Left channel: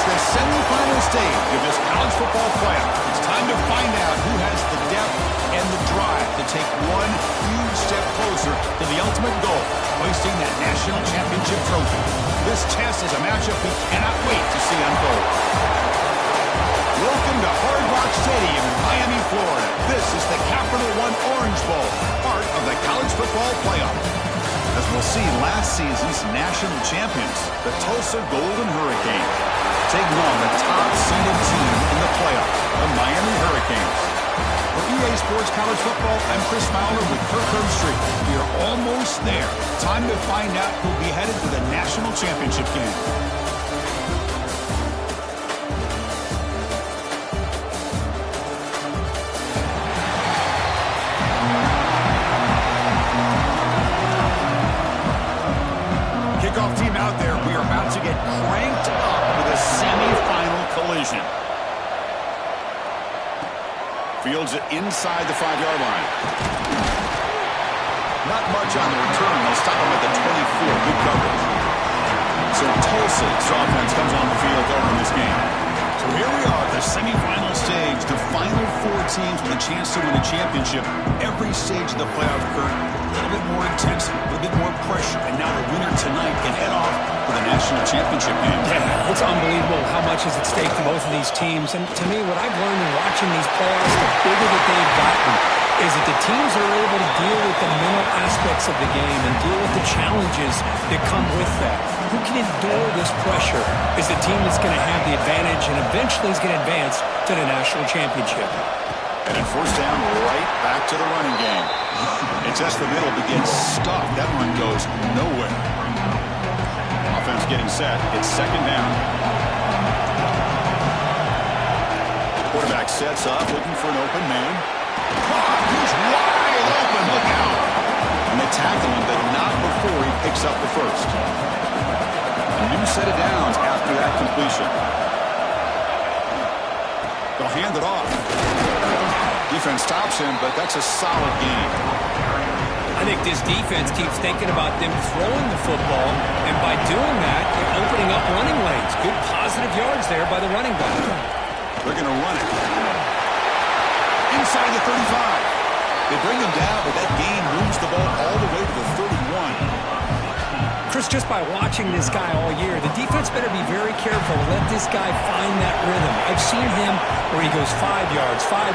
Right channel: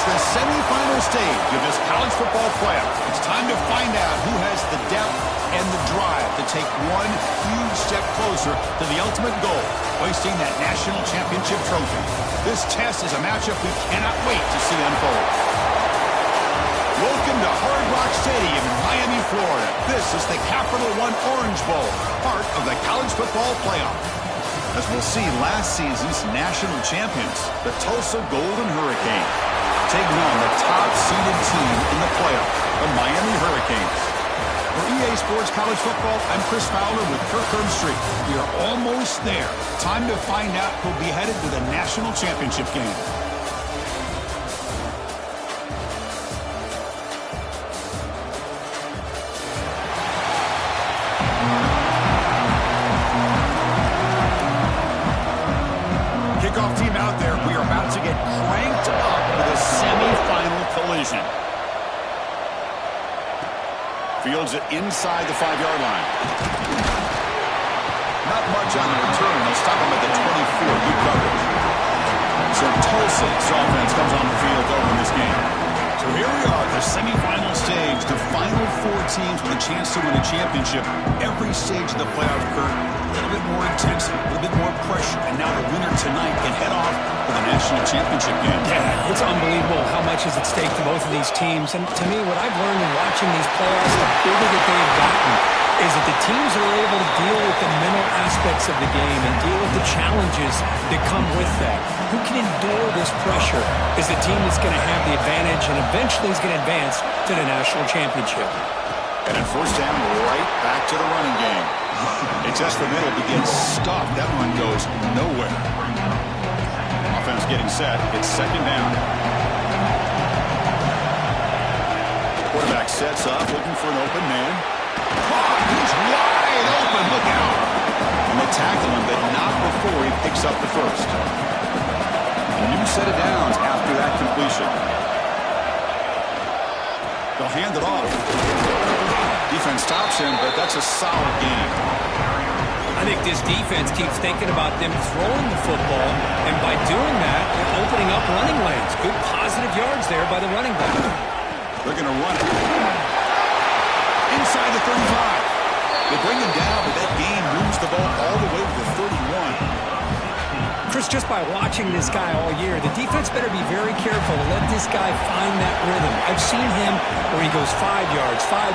It's the semifinal stage of this college football playoff. It's time to find out who has the depth and the drive to take one huge step closer to the ultimate goal, hoisting that national championship trophy. This test is a matchup we cannot wait to see unfold. Welcome to Hard Rock Stadium in Miami, Florida. This is the Capital One Orange Bowl, part of the college football playoff. As we'll see, last season's national champions, the Tulsa Golden Hurricanes, taking on the top-seeded team in the playoff, the Miami Hurricanes. For EA Sports College Football, I'm Chris Fowler with Kirk Herbstreit. We are almost there. Time to find out who'll be headed to the national championship game. Kickoff team out there. We are about to get cranked up with a semifinal collision. Fields it inside the 5-yard line. Not much on the return. They'll stop him at the 24. Good coverage. So Tulsa's offense comes on the field to open this game. So here we are, the semifinal stage, the final 4 teams with a chance to win a championship. Every stage of the playoff, Kurt, a little bit more intensity, a little bit more pressure, and now the winner tonight can head off to the national championship game. Yeah, it's unbelievable how much is at stake for both of these teams. And to me, what I've learned in watching these playoffs, the bigger that they've gotten, is that the teams that are able to deal with the mental aspects of the game and deal with the challenges that come with that. Who can endure this pressure is the team that's going to have the advantage and eventually is going to advance to the national championship. And in first down, right back to the running game. It's just the middle begins stuffed. That one goes nowhere. Offense getting set. It's second down. Quarterback sets up, looking for an open man. Caught! He's wide open. Look out! And they tackle him, but not before he picks up the first. A new set of downs after that completion. They'll hand it off. Defense stops him, but that's a solid game. I think this defense keeps thinking about them throwing the football, and by doing that, they're opening up running lanes. Good positive yards there by the running back. They're going to run it. Inside the 35. They bring him down, but that gain moves the ball all the way to the 31. Chris, just by watching this guy all year, the defense better be very careful to let this guy find that rhythm. I've seen him where he goes 5 yards, 8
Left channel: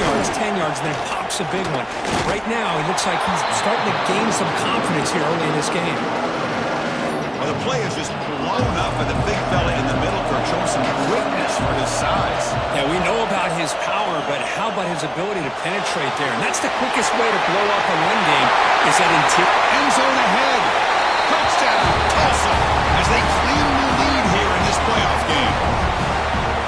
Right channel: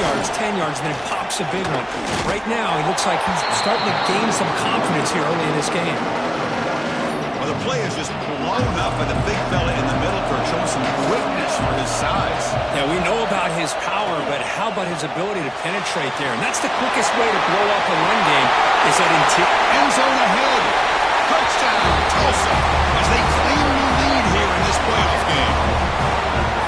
yards, 10 yards, and then pops a big one. Right now, he looks like he's starting to gain some confidence here early in this game. Well, the play is just blown up by the big fella in the middle, Kirk, showing some quickness for his size. Yeah, we know about his power, but how about his ability to penetrate there? And that's the quickest way to blow up a run game is that interior. End zone ahead. Touchdown, Tulsa, as they claim the lead here in this playoff game.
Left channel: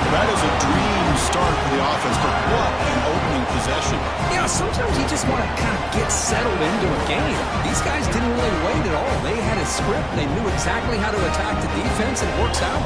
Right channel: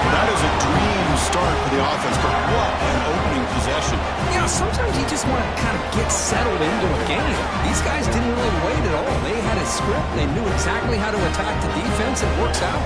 Well, that is a dream start for the offense, but what an opening possession. You know, sometimes you just want to kind of get settled into a game. These guys didn't really wait at all. They had a script. They knew exactly how to attack the defense. It works out.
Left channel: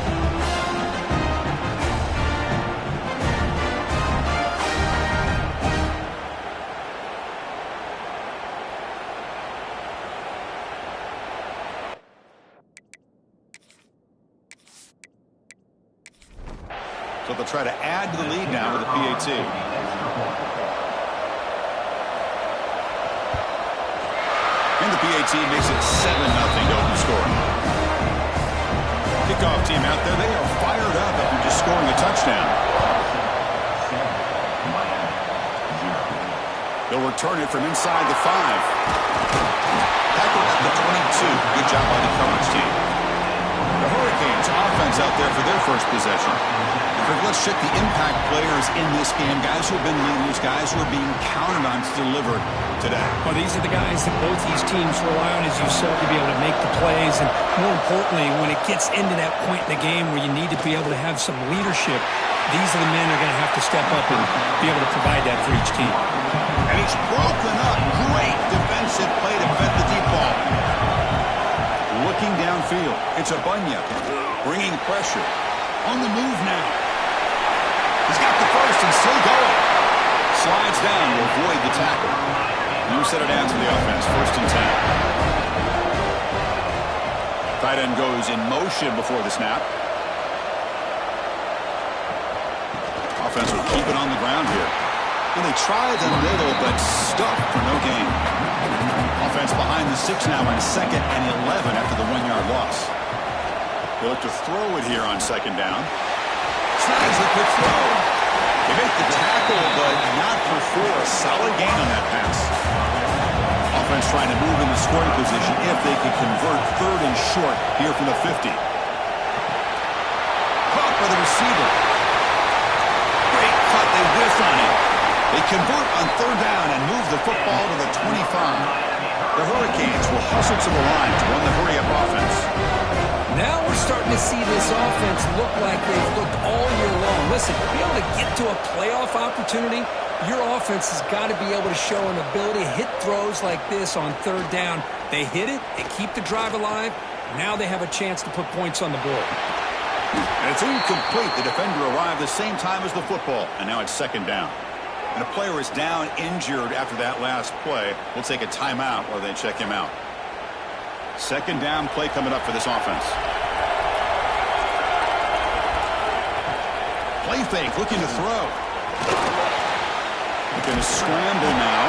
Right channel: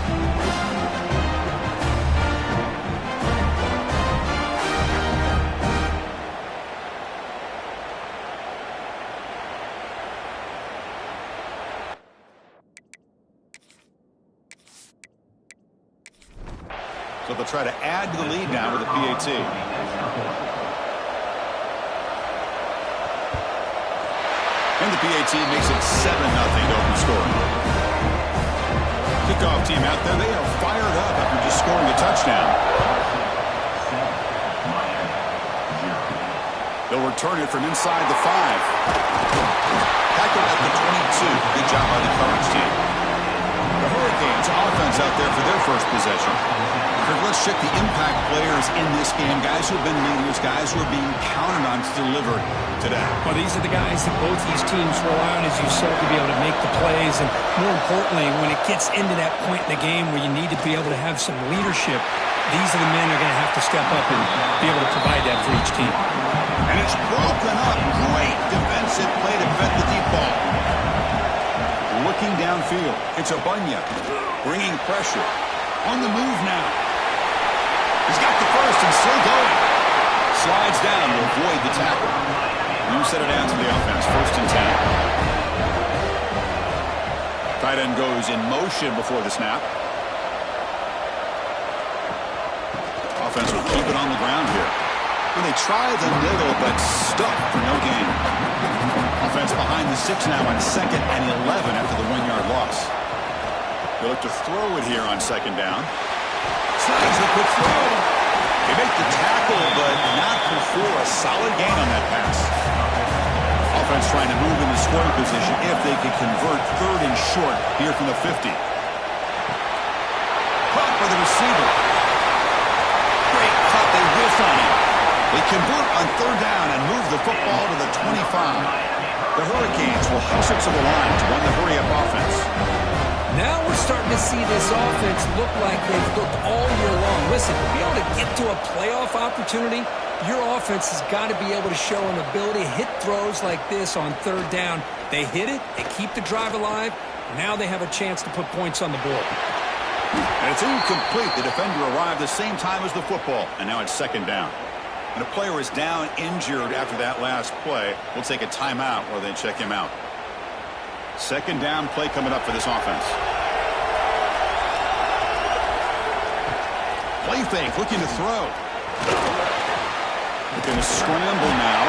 So they'll try to add to the lead now with a PAT. And the PAT makes it 7-0 to open scoring. Kickoff team out there, they are fired up after just scoring a touchdown. They'll return it from inside the 5. Tackled at the 22. Good job by the coverage team. The Hurricanes offense out there for their first possession. Let's check the impact players in this game. Guys who have been leaders, guys who are being counted on to deliver today. Well, these are the guys that both these teams rely on, as you said, to be able to make the plays. And more importantly, when it gets into that point in the game where you need to be able to have some leadership, these are the men that are going to have to step up and be able to provide that for each team. And it's broken up. Great defensive play to vet the deep ball. Looking downfield. It's Abunya bringing pressure. On the move now. He's got the first and still going. Slides down to avoid the tackle. New set of downs for the offense. First and 10. Tight end goes in motion before the snap. Offense will keep it on the ground here. And they try the middle, but stuck for no gain. Offense behind the 6 now on 2nd and 11 after the 1-yard loss. They look to throw it here on 2nd down. Snags the quick throw. They make the tackle, but not for 4. A solid gain on that pass. Offense trying to move in the scoring position if they can convert 3rd and short here from the 50. Caught by the receiver. Great cut. They whiff on him. They convert on 3rd down and move the football to the 25. The Hurricanes will hustle to the line to run the hurry-up offense. Now we're starting to see this offense look like they've looked all year long. Listen, to be able to get to a playoff opportunity, your offense has got to be able to show an ability to hit throws like this on 3rd down. They hit it, they keep the drive alive. Now they have a chance to put points on the board. And it's incomplete. The defender arrived the same time as the football, and now it's 2nd down. And a player is down injured after that last play. We'll take a timeout while they check him out. 2nd down play coming up for this offense. Play fake, looking to throw. Looking to scramble now.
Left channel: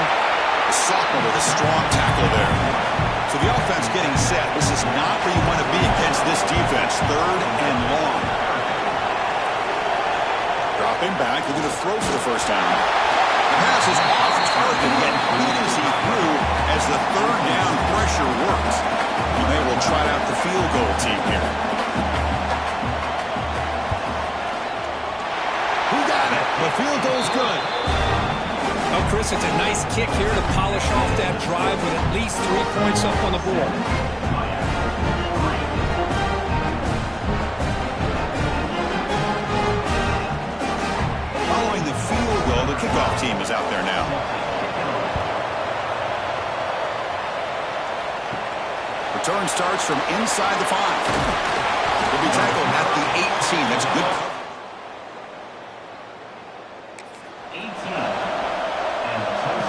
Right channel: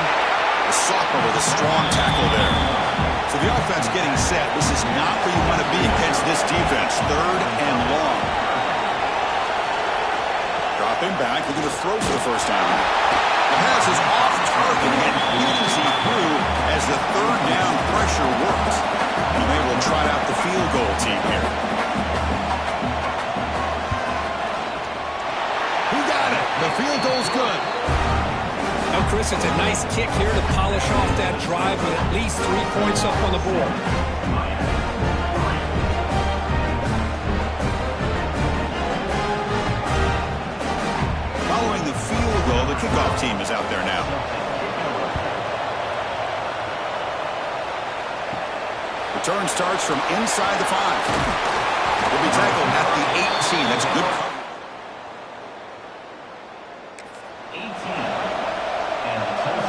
The sophomore with a strong tackle there. So the offense getting set. This is not where you want to be against this defense. 3rd and long. Dropping back, looking to throw for the 1st down. The pass is off target, yet leads he through as the 3rd down pressure works. And they will trot out the field goal team here. He got it. The field goal's good. Oh, Chris, it's a nice kick here to polish off that drive with at least 3 points up on the board. Following the field goal, the kickoff team is out there now. Return starts from inside the 5. Will be tackled at the 18. That's good coverage.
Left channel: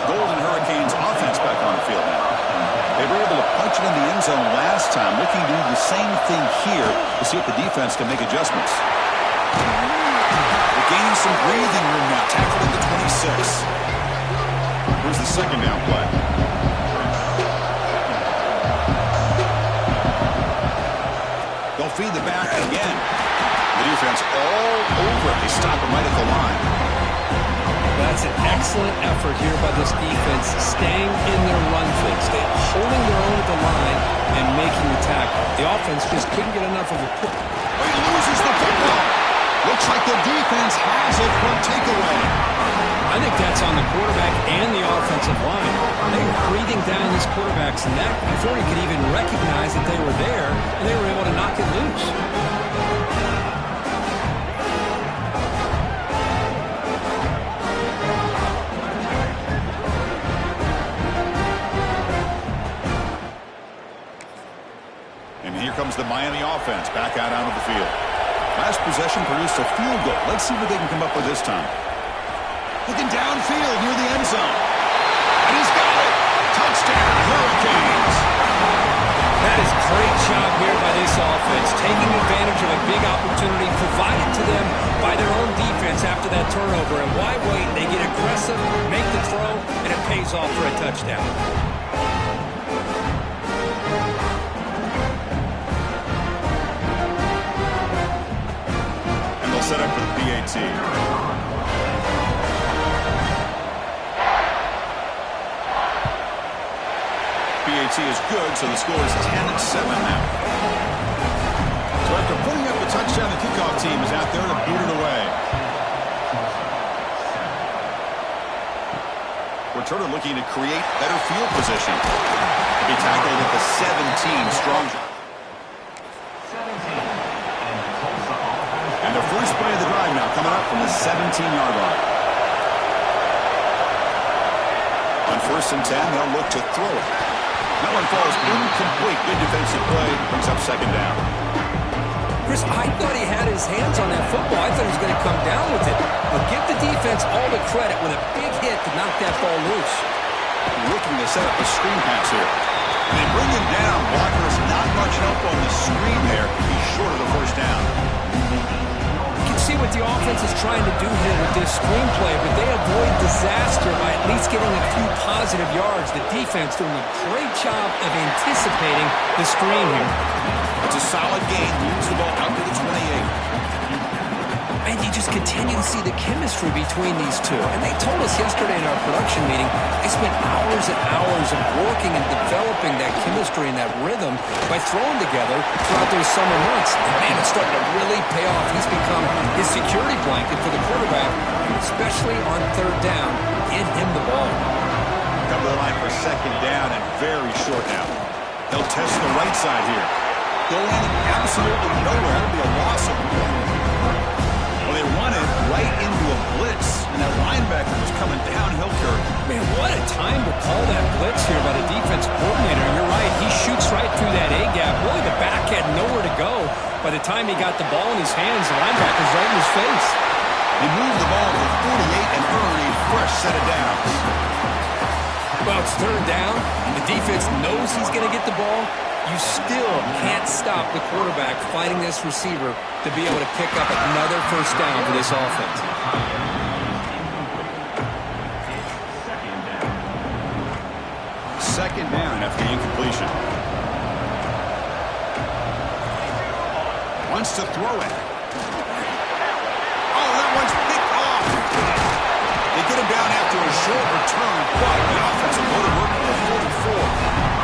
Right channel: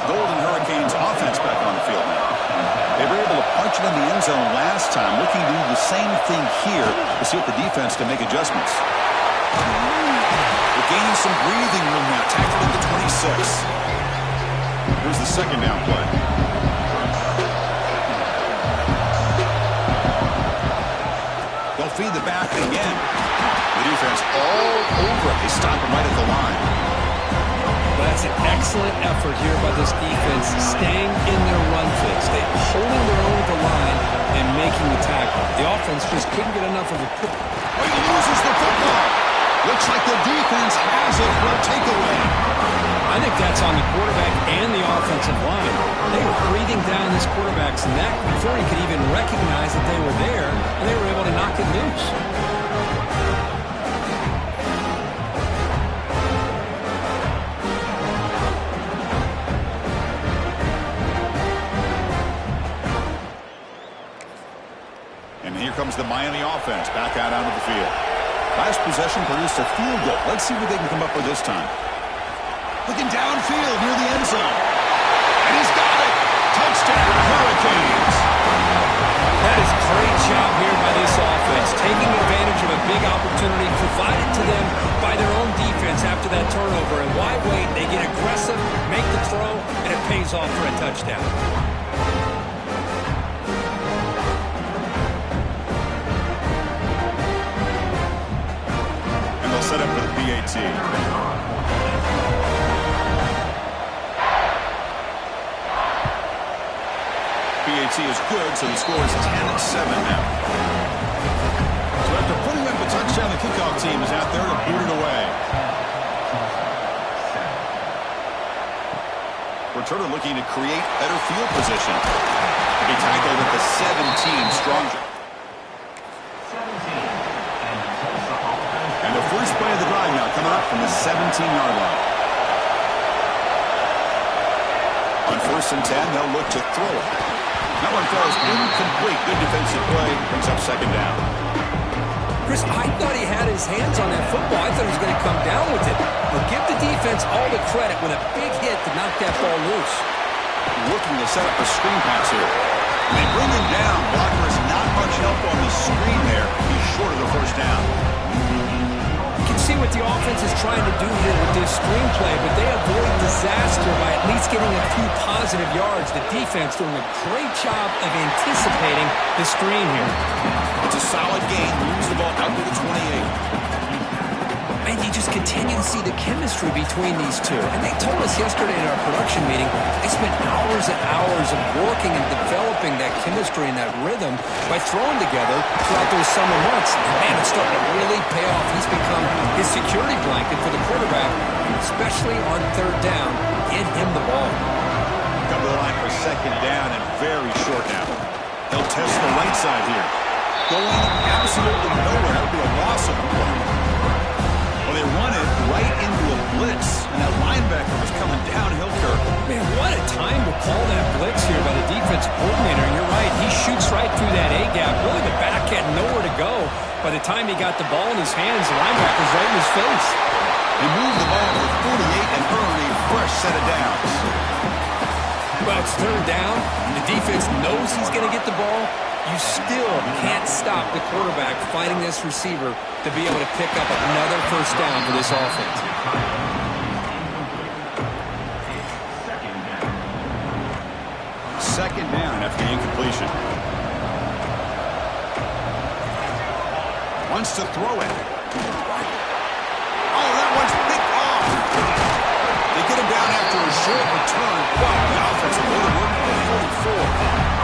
Golden Hurricanes offense back on the field now. They were able to punch it in the end zone last time, looking to do the same thing here to see if the defense can make adjustments. They're gaining some breathing room now, tackled at the 26. Here's the 2nd down play. They'll feed the back again. The defense all over it. They stop him right at the line. That's an excellent effort here by this defense, staying in their run fix. They're holding their own at the line and making the tackle. The offense just couldn't get enough of a push. Oh, he loses the football. Looks like the defense has it for a takeaway. I think that's on the quarterback and the offensive line. They were breathing down this quarterback's neck before he could even recognize that they were there, and they were able to knock it loose. And here comes the Miami offense back out onto the field. Last possession produced a field goal. Let's see what they can come up with this time. Looking downfield near the end zone. And he's got it. Touchdown, Hurricanes. That is a great job here by this offense, taking advantage of a big opportunity provided to them by their own defense after that turnover. And why wait? They get aggressive, make the throw, and it pays off for a touchdown. Set up for the PAT. PAT is good, so the score is 10-7 now. So after putting up a touchdown, the kickoff team is out there to boot it away. Returner looking to create better field position. To be tackled at the 17, strong. And the first play of the drive now coming up from the 17-yard line. On 1st and 10, they'll look to throw it. That one falls incomplete. Good defensive play. Brings up 2nd down. Chris, I thought he had his hands on that football. I thought he was going to come down with it. But give the defense all the credit with a big hit to knock that ball loose. Looking to set up a screen pass here. And they bring him down. Blocker is not much help on the screen there. He's short of the 1st down. You can see what the offense is trying to do here with this screenplay, but they avoid disaster by at least getting a few positive yards. The defense doing a great job of anticipating the screen here. It's a solid gain. Moves the ball out to the 28. And you just continue to see the chemistry between these two. And they told us yesterday in our production meeting, they spent hours and hours of working and developing that chemistry and that rhythm by throwing together throughout those summer months. And man, it's starting to really pay off. He's become his security blanket for the quarterback, especially on third down. Get him the ball. Come to the line for second down and very short now. They'll test the right side here. Going absolutely nowhere. That would be a loss of a play. Well, they run it right into a blitz, and that linebacker was coming downhill, Kirk. Man, what a time to call that blitz here by the defense coordinator. And you're right, he shoots right through that A-gap. Really, the back had nowhere to go. By the time he got the ball in his hands, the linebacker's right in his face. They move the ball to the 48 and earn a fresh set of downs. Well, it's third down, and the defense knows he's going to get the ball. You still can't stop the quarterback fighting this receiver to be able to pick up another first down for this offense. Second down after the incompletion. Wants to throw it. Oh, that one's picked off. They get him down after a short return, but the offensive load of work for the 44.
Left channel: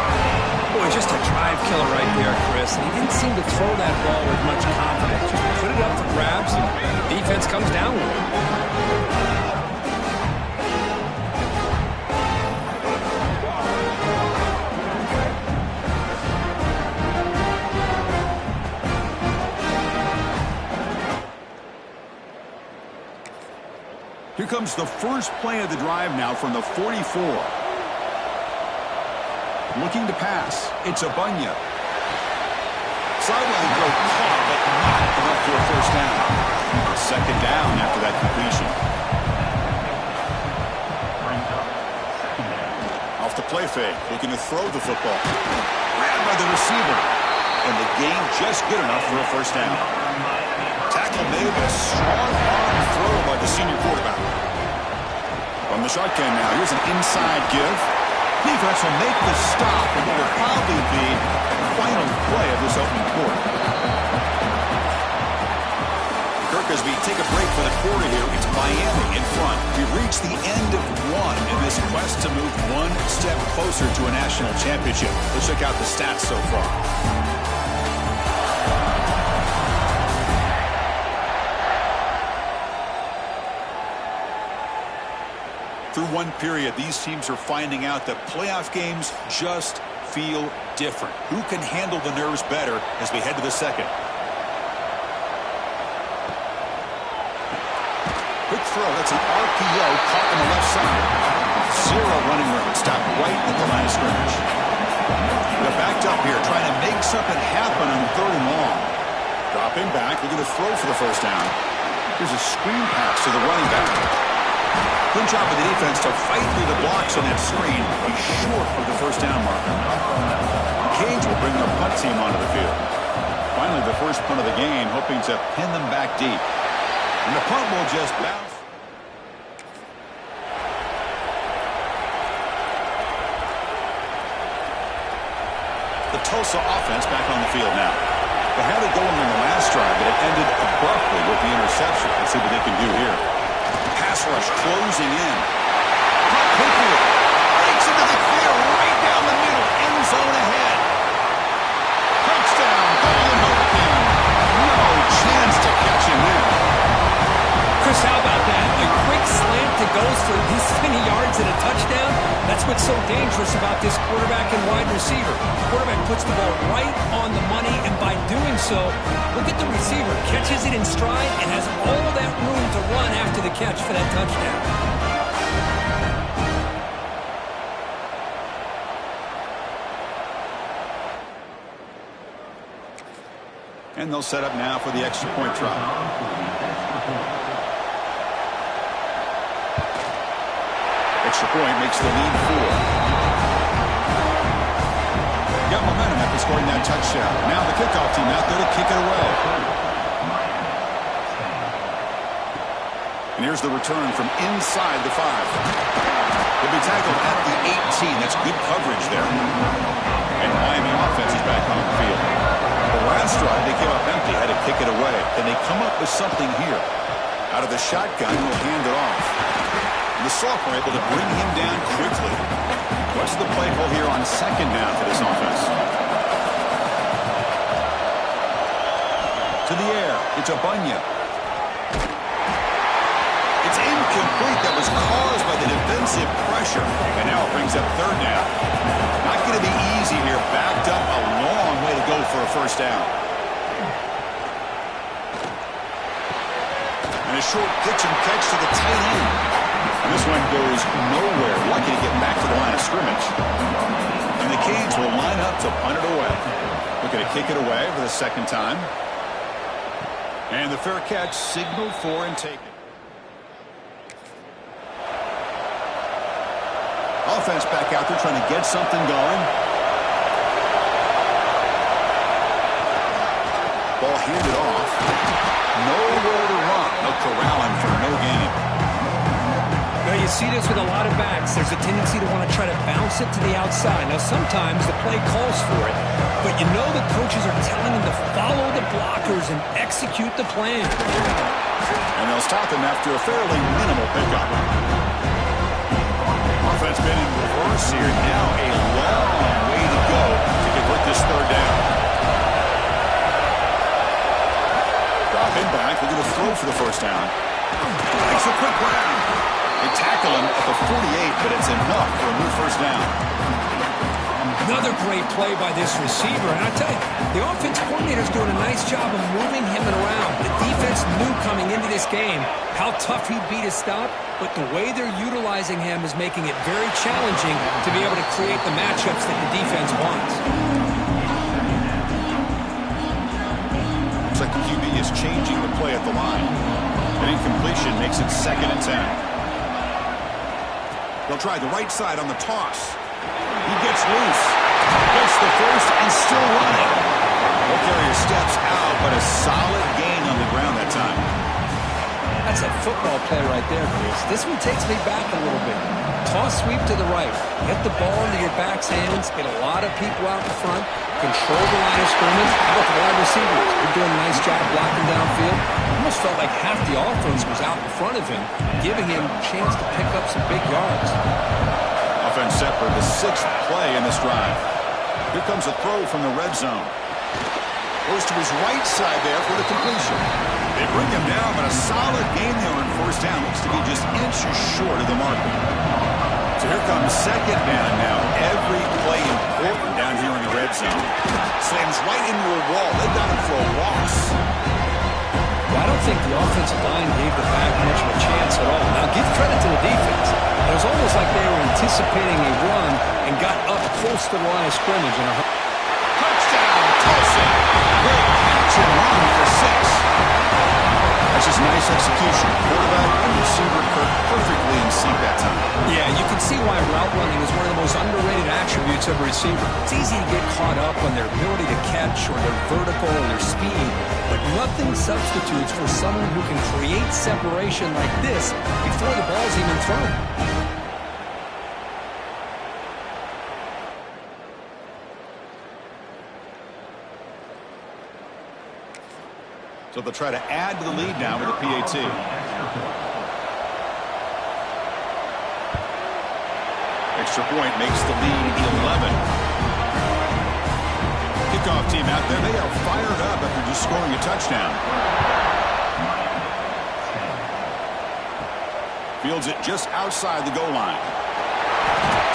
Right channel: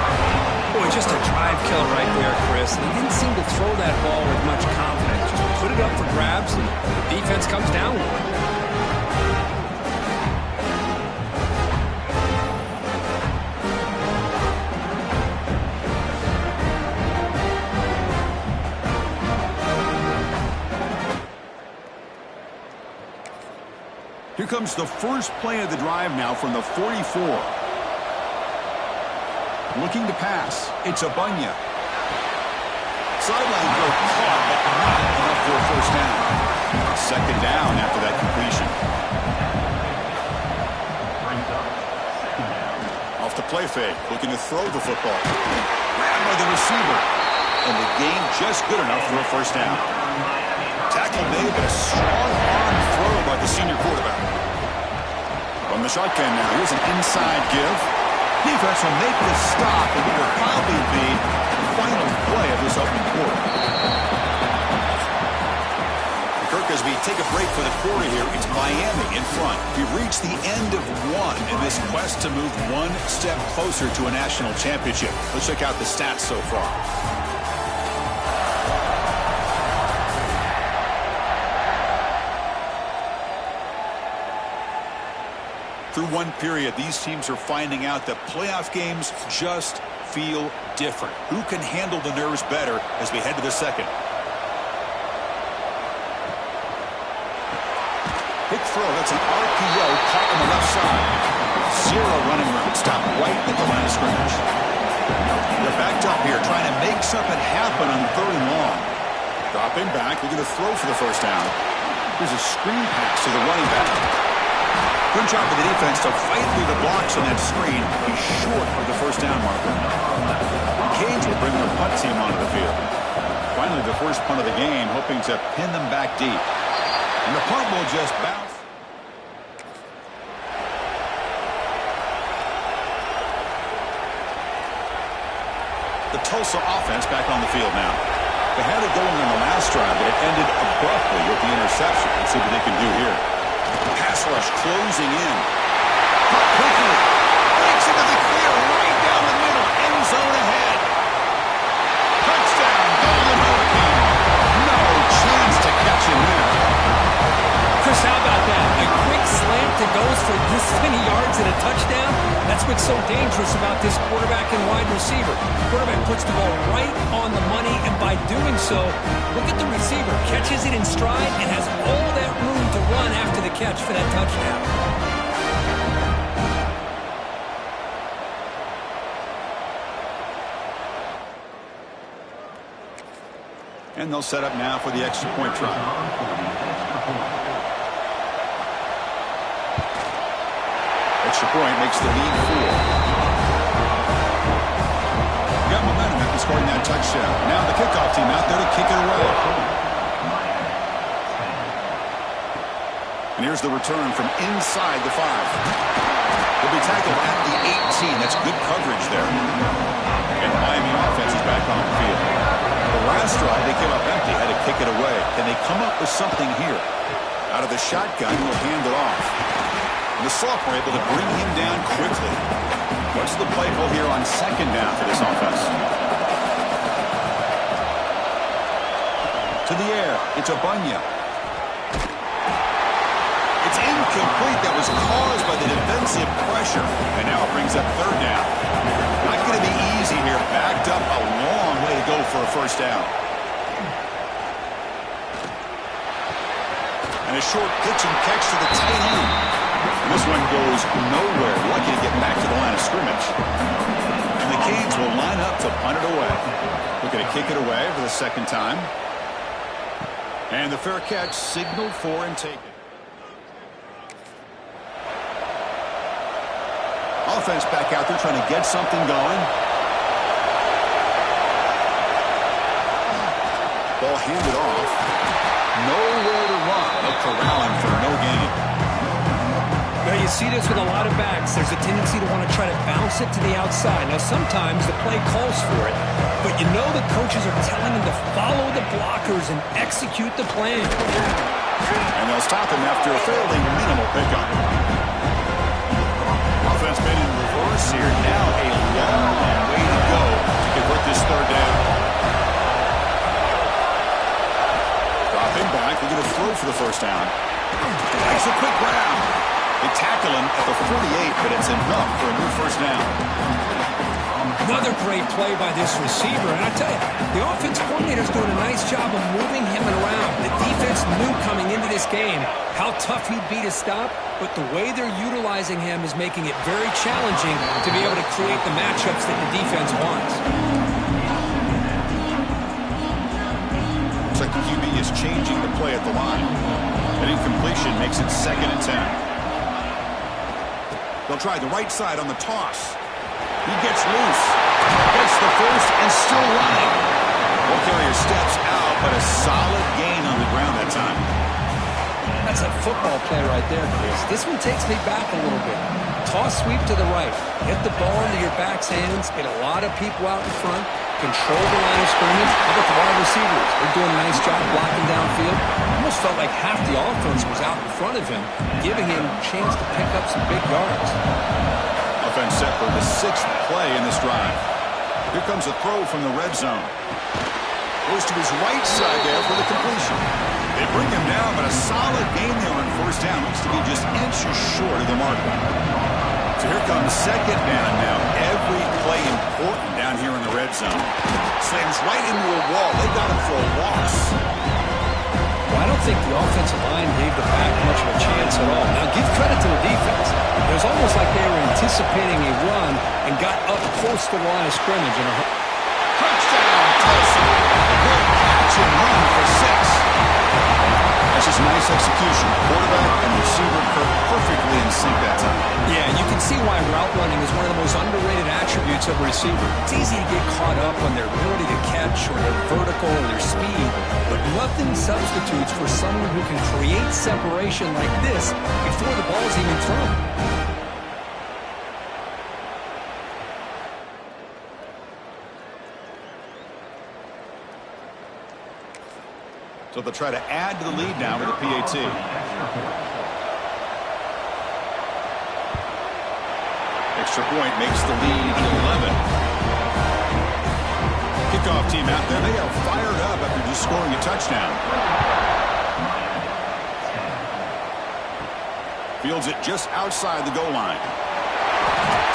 Boy, just a drive killer right there, Chris. And he didn't seem to throw that ball with much confidence. Just put it up for grabs, and the defense comes down with it. Here comes the first play of the drive now from the 44. Looking to pass. It's Abunya. Sideline throw caught, but not enough for a first down. Second down after that completion. Off the play fake. Looking to throw the football. Grabbed by the receiver. And the gain just good enough for a first down. Tackle made, but a strong arm throw by the senior quarterback. From the shotgun now. Here's an inside give. Defense will make the stop, and it will probably be the final play of this opening quarter. Kirk, as we take a break for the quarter here, it's Miami in front. We've reached the end of one in this quest to move one step closer to a national championship. Let's check out the stats so far. Through one period, these teams are finding out that playoff games just feel different. Who can handle the nerves better as we head to the second? Quick throw. That's an RPO caught on the left side. Zero running room. Stopped right at the line of scrimmage. They're backed up here trying to make something happen on third and long. Dropping back. Looking to throw for the first down. Here's a screen pass to the running back. Good job of the defense to fight through the blocks on that screen. He's short of the first down marker. Cage will bring their punt team onto the field. Finally, the first punt of the game, hoping to pin them back deep. And the punt will just bounce. The Tulsa offense back on the field now. They had it going on the last drive, but it ended abruptly with the interception. Let's see what they can do here. Pass rush closing in. Caught quickly. Breaks into the clear right down the middle. End zone ahead. Touchdown, Golden Hurricane. No chance to catch him there. Chris, how about that? A quick slant that goes for this many yards and a touchdown. That's what's so dangerous about this quarterback and wide receiver. Quarterback puts the ball right on the money, and by doing so, look at the receiver. Catches it in stride and has all that room to run after the catch for that touchdown. And they'll set up now for the extra point try. Extra point makes the lead 4. Got momentum after scoring that touchdown. Now the kickoff team out there to kick it away. And here's the return from inside the 5. He'll be tackled at the 18. That's good coverage there. And the Miami offense is back on the field. The last drive, they came up empty, had to kick it away. Can they come up with something here? Out of the shotgun, he'll hand it off. And the sophomore able to bring him down quickly. What's the play call here on second down for this offense? To the air. It's Ballew. It's incomplete. That was caused by the defensive pressure. And now it brings up third down. Not going to be easy here. Backed up a long way to go for a first down. And a short pitch and catch to the tight end. And this one goes nowhere. Lucky to get back to the line of scrimmage. And the Canes will line up to punt it away. Looking to kick it away for the second time. And the fair catch signaled for and taken. Offense back out there trying to get something going. Ball handed off. Nowhere to run. They'll corral him for no gain. Now you see this with a lot of backs. There's a tendency to want to try to bounce it to the outside. Now sometimes the play calls for it, but you know the coaches are telling them to follow the blockers and execute the plan. And they'll stop him after a fairly minimal pickup. Offense been in reverse here. Now a long way to go to convert this third down. Dropping back. They're going to throw for the first down. Makes a quick grab. They tackle him at the 48, but it's enough for a new first down. Another great play by this receiver. And I tell you, the offense coordinator's doing a nice job of moving him around. The defense knew coming into this game how tough he'd be to stop, but the way they're utilizing him is making it very challenging to be able to create the matchups that the defense wants. Looks like the QB is changing the play at the line. An incompletion makes it 2nd and 10. They'll try the right side on the toss. He gets loose. Gets the first and still running. Ball carrier steps out, but a solid gain on the ground that time. That's a football play right there, Chris. This one takes me back a little bit. Toss sweep to the right. Get the ball into your back's hands. Get a lot of people out in front. Control the line of scrimmage. How about the wide receivers? They're doing a nice job blocking downfield. Almost felt like half the offense was out in front of him, giving him a chance to pick up some big yards. Offense set for the 6th play in this drive. Here comes a throw from the red zone. Goes to his right side there for the completion. They bring him down, but a solid gain there on first down. Looks to be just inches short of the marker. So here comes second down now. Every play important down here in the red zone. Slams right into a wall. They got him for a loss. Well, I don't think the offensive line gave the back much of a chance at all. Now, give credit to the defense. It was almost like they were anticipating a run and got up close to the line of scrimmage. And touchdown, Tulsa. Great catch and run for 6. That's just nice execution. Quarterback and receiver Kirk perfectly in sync that time. Yeah, you can see why route running is one of the most underrated attributes of a receiver. It's easy to get caught up on their ability to catch or their vertical or their speed, but nothing substitutes for someone who can create separation like this before the ball's even thrown. So they'll try to add to the lead now with a PAT. Extra point makes the lead 11. Kickoff team out there. They are fired up after just scoring a touchdown. Fields it just outside the goal line.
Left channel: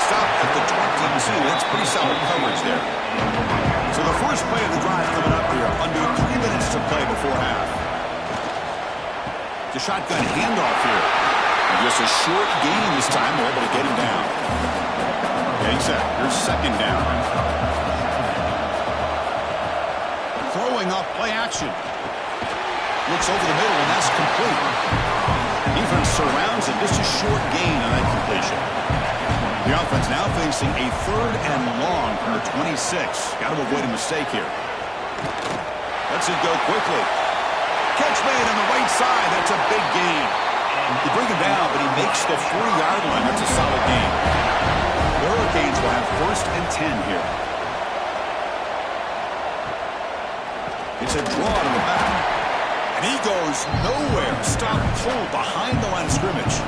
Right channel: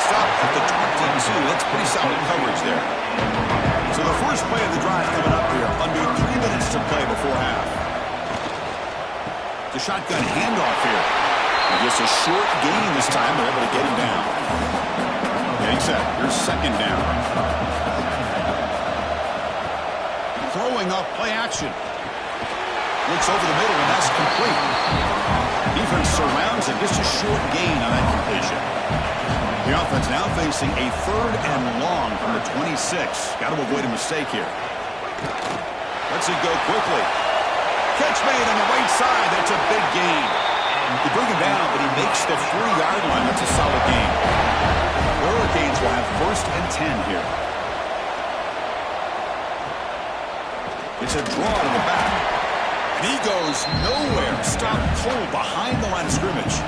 Stop at the 22. That's pretty solid coverage there. So the first play of the drive coming up here. Under 3 minutes to play before half. The shotgun handoff here. And just a short gain this time. They're able to get him down. Getting set. Here's second down. Throwing off play action. Looks over the middle, and that's complete. Defense surrounds him. Just a short gain on that completion. The offense now facing a 3rd and long from the 26. Got to avoid a mistake here. Lets it go quickly. Catch made on the right side. That's a big gain. They bring him down, but he makes the 40-yard line. That's a solid gain. The Hurricanes will have 1st and 10 here. It's a draw to the back. And he goes nowhere. Stopped cold behind the line of scrimmage.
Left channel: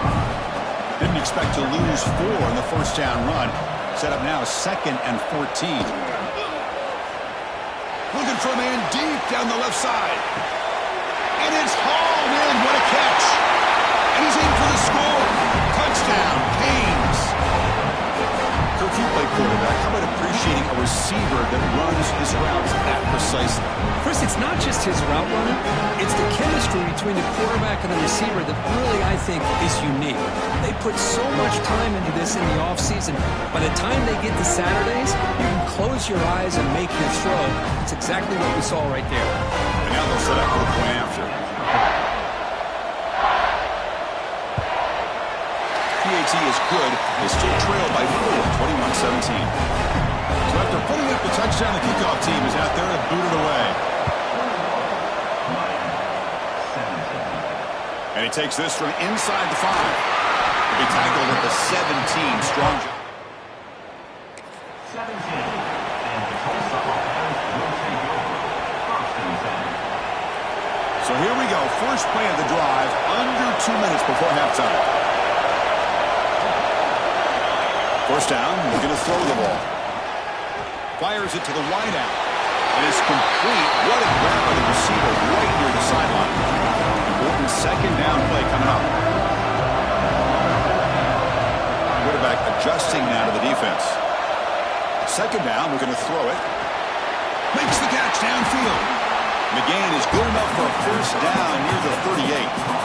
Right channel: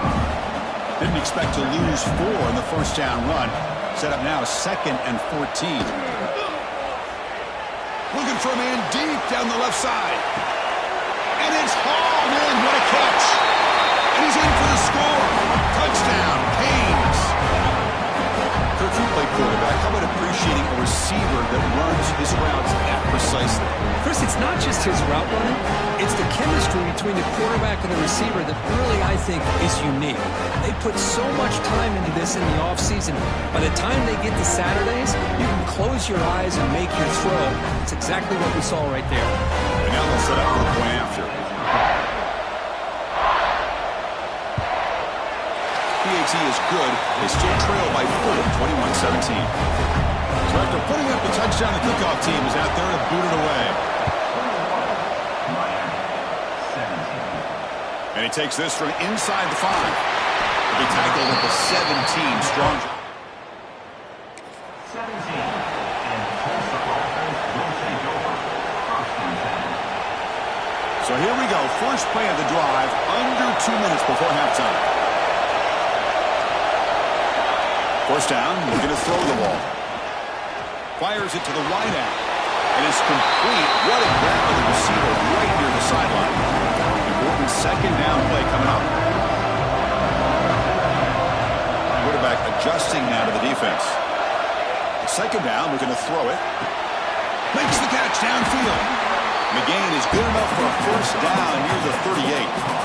Didn't expect to lose 4 in the first down run. Set up now 2nd and 14. Looking for a man deep down the left side. And it's hauled in. What a catch. And he's in for the score. Touchdown, Canes. Kirk, you play quarterback. How about appreciating a receiver that runs his routes that precisely? Chris, it's not just his route running. It's the chemistry between the quarterback and the receiver that really, I think, is unique. They put so much time into this in the offseason. By the time they get to Saturdays, you can close your eyes and make your throw. It's exactly what we saw right there. And now they'll set up for the point after. PAT is good. They still trail by 4, 21-17. So after putting up the touchdown, the kickoff team is out there to boot it away. And he takes this from inside the 5. He'll be tackled at the 17. Strong job. 17. And the Tulsa offense will take over. 1st and 10. So here we go. First play of the drive, under 2 minutes before halftime. First down, looking to throw the ball. Fires it to the wide out. And it's complete. What a grab by the receiver right near the sideline. Important 2nd down play coming up. Quarterback adjusting now to the defense. 2nd down, looking to throw it. Makes the catch downfield. McGain is good enough for a 1st down near the 38.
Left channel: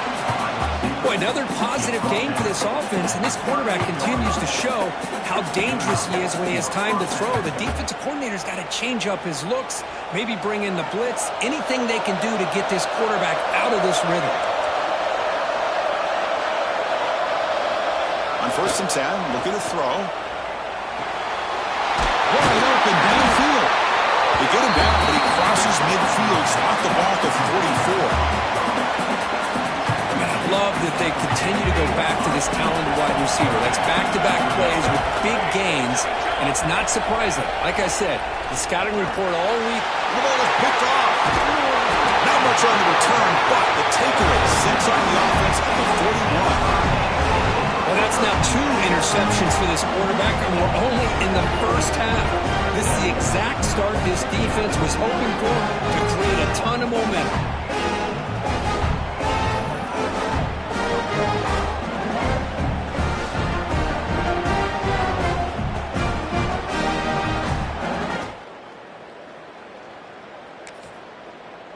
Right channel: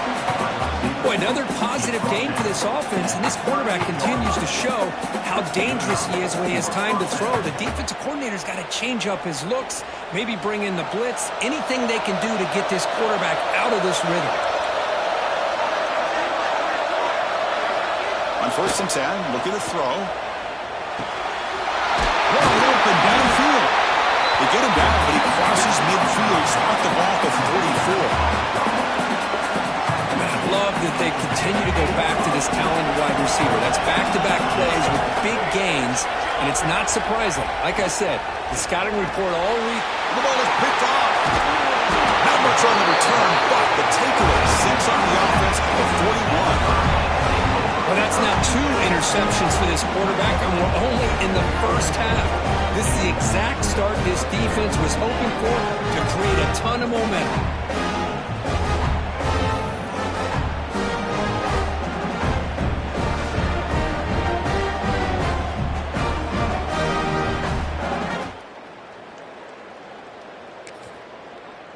Boy, another positive game for this offense, and this quarterback continues to show how dangerous he is when he has time to throw. The defensive coordinator's got to change up his looks, maybe bring in the blitz, anything they can do to get this quarterback out of this rhythm. On 1st and 10, looking to throw. Wide open downfield. They get him down, but he crosses midfield, spot the ball to 44. Love that they continue to go back to this talented wide receiver. That's back-to-back plays with big gains, and it's not surprising. Like I said, the scouting report all week. The ball is picked off. Not much on the return, but the takeaway sets up the offense at the 41. Well, that's now 2 interceptions for this quarterback, and we're only in the first half. This is the exact start this defense was hoping for to create a ton of momentum.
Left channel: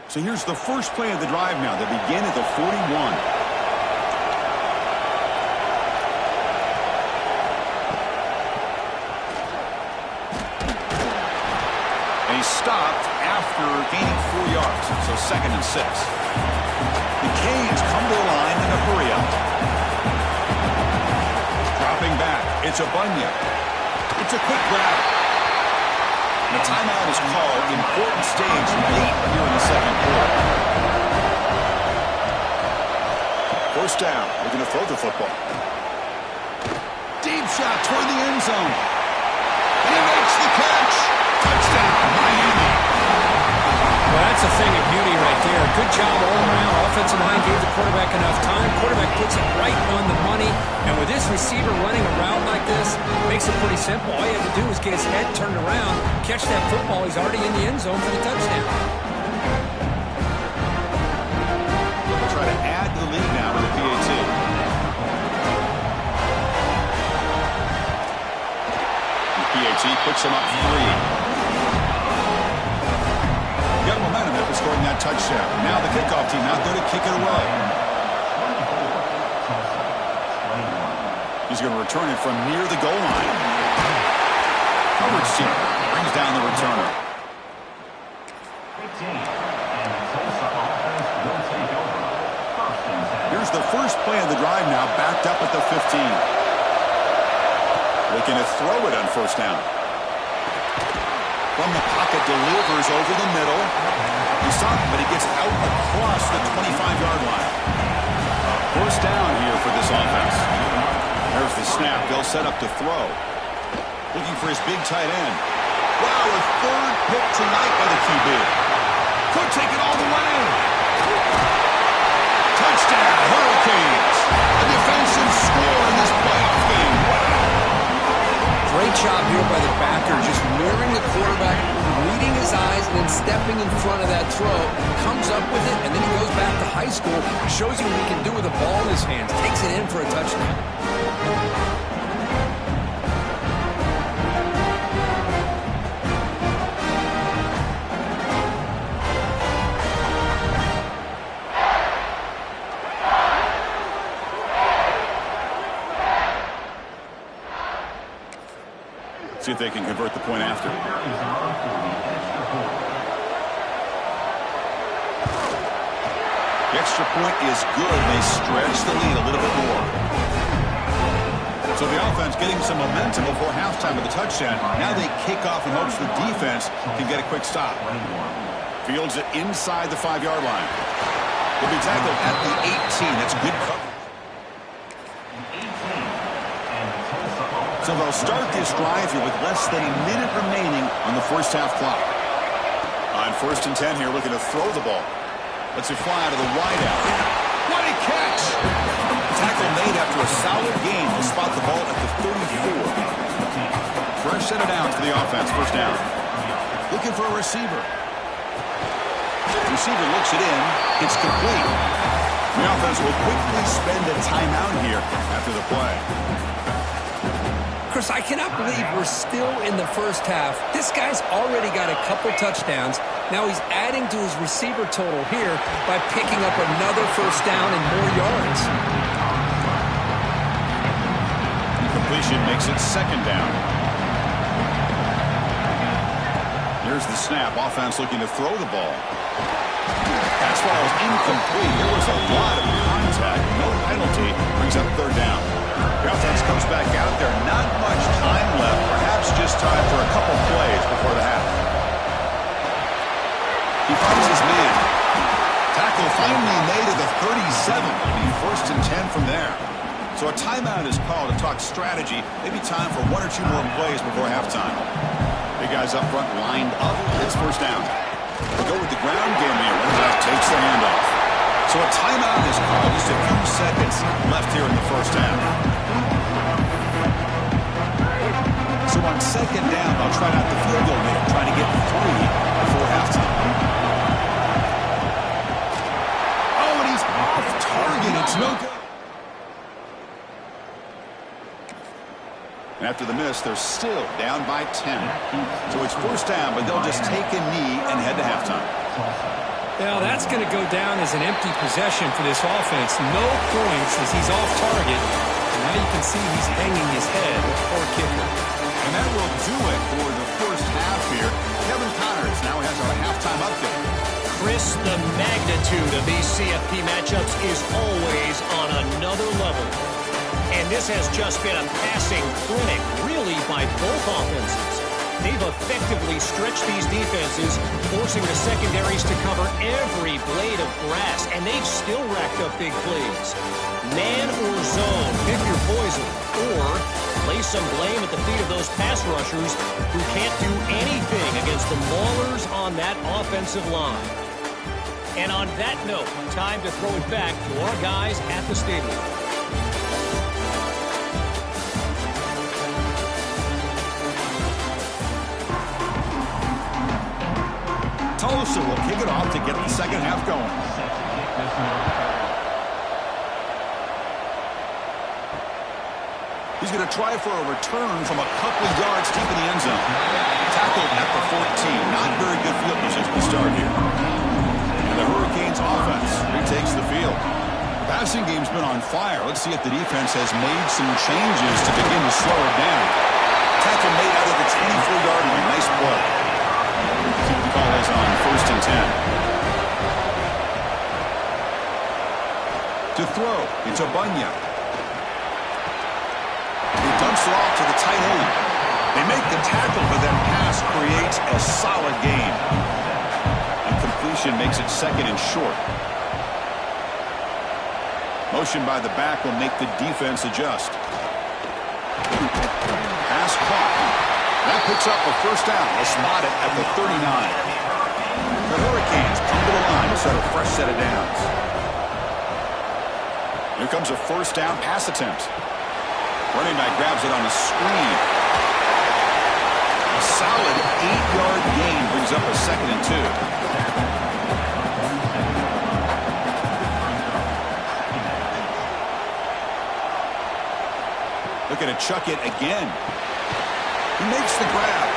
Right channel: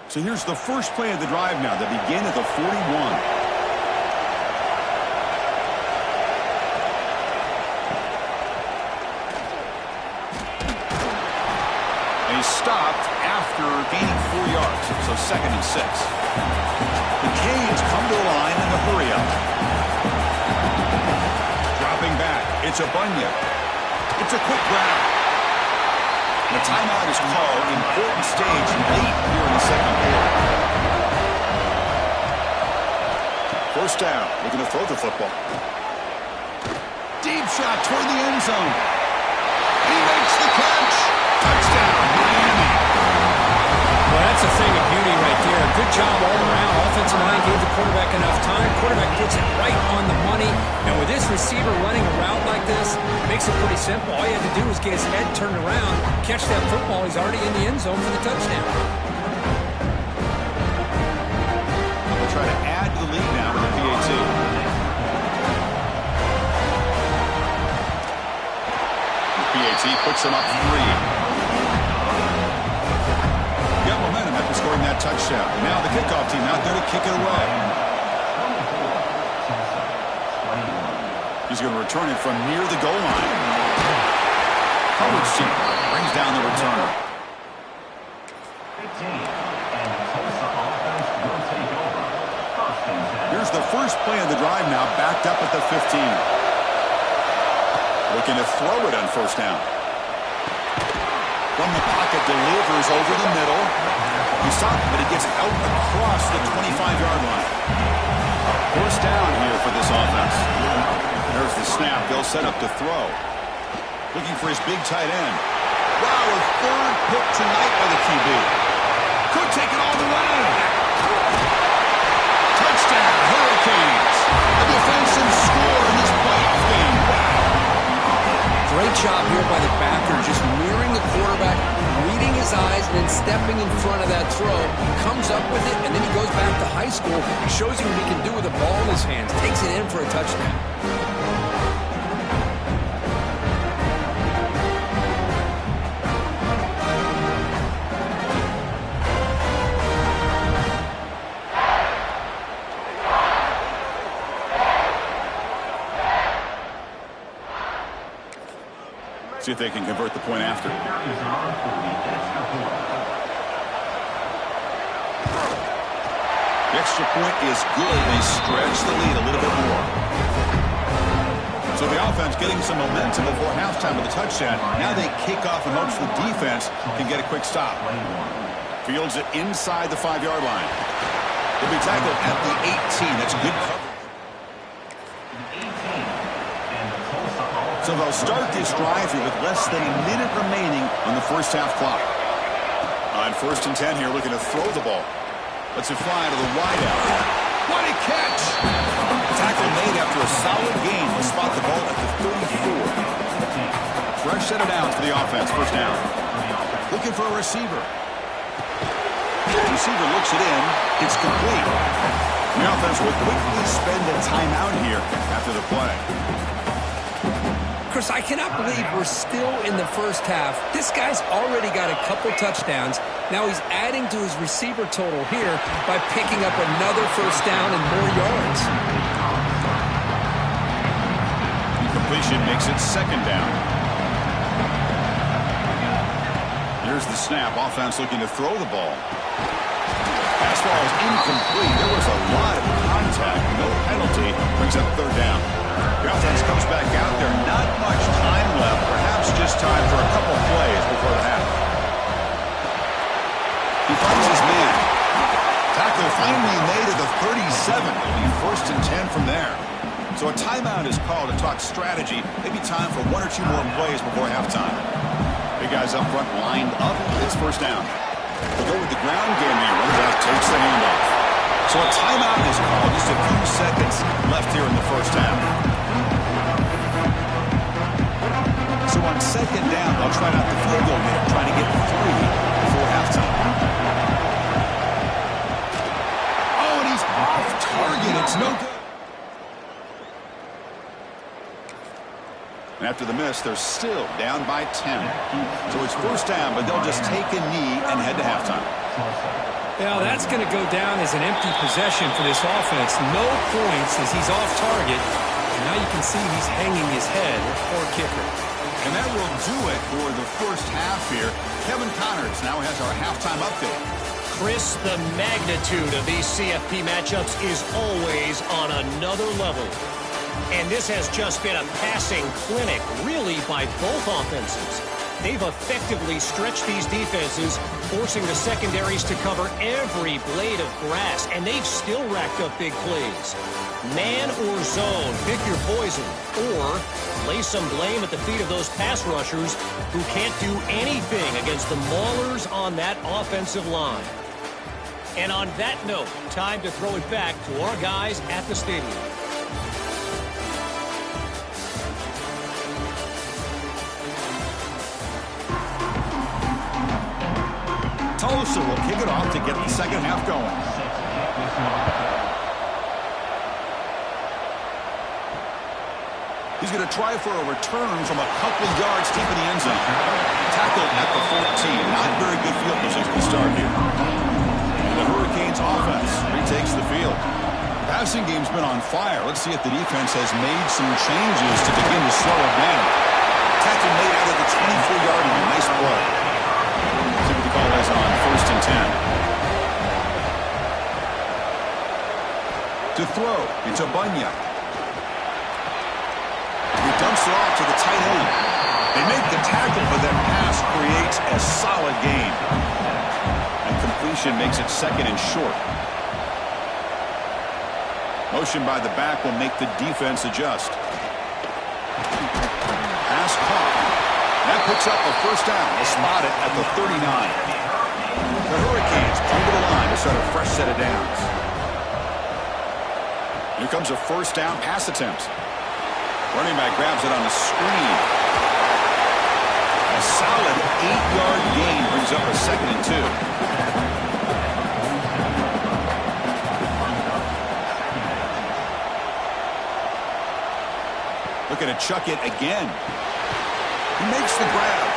So here's the first play of the drive now. They begin at the 41. And he's stopped after gaining 4 yards. So 2nd and 6. The Canes come to the line in a hurry up. Dropping back. It's a Bunya. It's a quick grab. The timeout is called. Important stage late here in the 2nd quarter. 1st down. Looking to throw the football. Deep shot toward the end zone. And he makes the catch. Touchdown, Miami. Well, that's a thing of beauty right there. Good job all around. Offensive line gave the quarterback enough time. Quarterback puts it right on the money. And with this receiver running a route like this, makes it pretty simple. All you have to do is get his head turned around, catch that football. He's already in the end zone for the touchdown. They'll try to add to the lead now with the PAT. The PAT puts them up 3. Got momentum after scoring that touchdown. Now the kickoff team out there to kick it away. He's going to return it from near the goal line. Coverage team brings down the returner. 15. And the Tulsa offense will take over. 1st and 10. Here's the first play of the drive now, backed up at the 15. Looking to throw it on 1st down. From the pocket, delivers over the middle. He's stopped, but he gets out across the 25-yard line. First down here for this offense. There's the snap. They'll set up to throw. Looking for his big tight end. Wow, a third pick tonight by the QB. Could take it all the way. Touchdown, Hurricanes. A defensive score in this playoff game. Wow. Great job here by the backer, just mirroring the quarterback, reading his eyes, and then stepping in front of that throw. Comes up with it, and then he goes back to high school, shows you what he can do with the ball in his hands, takes it in for a touchdown. See if they can convert the point after. The extra point is good. They stretch the lead a little bit more. So the offense getting some momentum before halftime with the touchdown. Now they kick off in hopes the defense can get a quick stop. Fields it inside the 5-yard line. He'll be tackled at the 18. That's good coverage. So they'll start this drive here with less than a minute remaining on the first half clock. On 1st and 10 here, looking to throw the ball. Lets it fly out of the wideout. What a catch! Tackle made after a solid gain. Will spot the ball at the 34. Fresh set of downs for the offense. First down. Looking for a receiver. The receiver looks it in. It's complete. The offense will quickly spend a timeout here after the play. Chris, I cannot believe we're still in the first half. This guy's already got a couple touchdowns. Now he's adding to his receiver total here by picking up another first down and more yards. Completion makes it 2nd down. Here's the snap. Offense looking to throw the ball. Pass ball is incomplete. There was a lot of contact. No penalty. Brings up 3rd down. The offense comes back out there. Not much time left. Perhaps just time for a couple plays before the half. He finds his man. Tackle finally made at the 37. It'll be 1st and 10 from there. So a timeout is called to talk strategy. Maybe time for 1 or 2 more plays before halftime. Big guys up front lined up. It's 1st down. We'll go with the ground game here. Running back takes the handoff. So a timeout is called. Just a few seconds left here in the first half. So on 2nd down, they'll try out the field goal here, trying to get 3 before halftime. Oh, and he's off target. It's no good. And after the miss, they're still down by 10. So it's 1st down, but they'll just take a knee and head to halftime. Yeah, that's going to go down as an empty possession for this offense. No points as he's off target. And now you can see he's hanging his head. Poor kicker. And that will do it for the first half here. Kevin Connors now has our halftime update. Chris, the magnitude of these CFP matchups is always on another level. And this has just been a passing clinic, really, by both offenses. They've effectively stretched these defenses, forcing the secondaries to cover every blade of grass, and they've still racked up big plays. Man or zone, pick your poison, or lay some blame at the feet of those pass rushers who can't do anything against the maulers on that offensive line. And on that note, time to throw it back to our guys at the stadium. Tulsa will kick it off to get the second half going. He's going to try for a return from a couple of yards deep in the end zone. Tackled at the 14. Not very good field position to start here. And the Hurricanes offense retakes the field. The passing game's been on fire. Let's see if the defense has made some changes to begin to slow it down. Tackle made out of the 24-yard line. Nice play. See what the call is on 1st and 10. To throw, it's Abunya. He dumps it off to the tight end. They make the tackle, but that pass creates a solid gain. And completion makes it 2nd and short. Motion by the back will make the defense adjust. Pass caught. That picks up a first down. They'll spot it at the 39. The Hurricanes come to the line to start a fresh set of downs. Here comes a first down pass attempt. Running back grabs it on a screen. A solid 8-yard gain brings up a 2nd and 2. Looking to chuck it again. He makes the grab.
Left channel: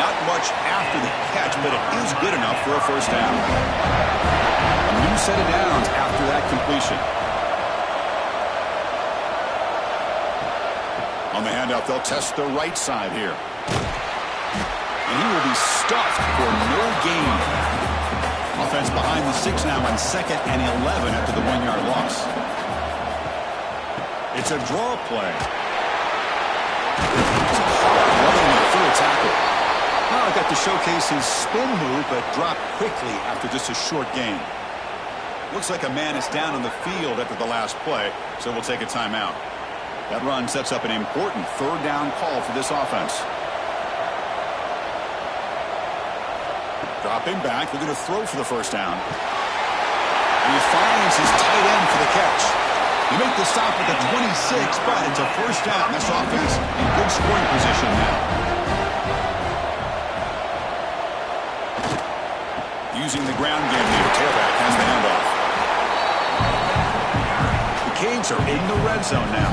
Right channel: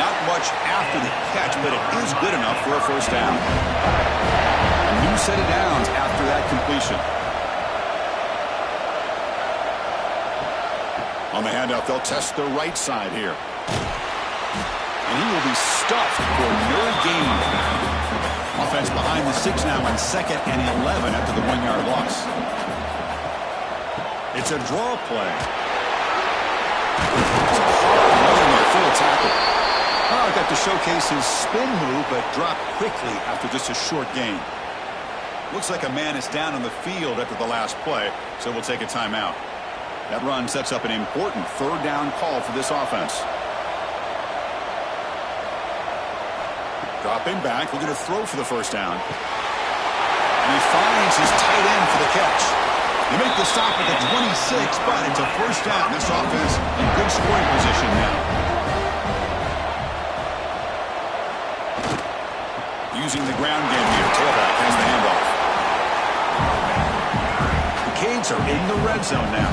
Not much after the catch, but it is good enough for a first down. A new set of downs after that completion. On the handoff, they'll test the right side here. And he will be stuffed for no gain. Offense behind the 6 now on 2nd and 11 after the 1-yard loss. It's a draw play. It's a hard running there for a tackle. Oh, got to showcase his spin move, but dropped quickly after just a short gain. Looks like a man is down on the field after the last play, so we'll take a timeout. That run sets up an important 3rd down call for this offense. Dropping back, looking to throw for the first down. And he finds his tight end for the catch. They make the stop at the 26, but it's a first down. This offense in good scoring position now. Using the ground game here, tailback has the handoff. The Canes are in the red zone now.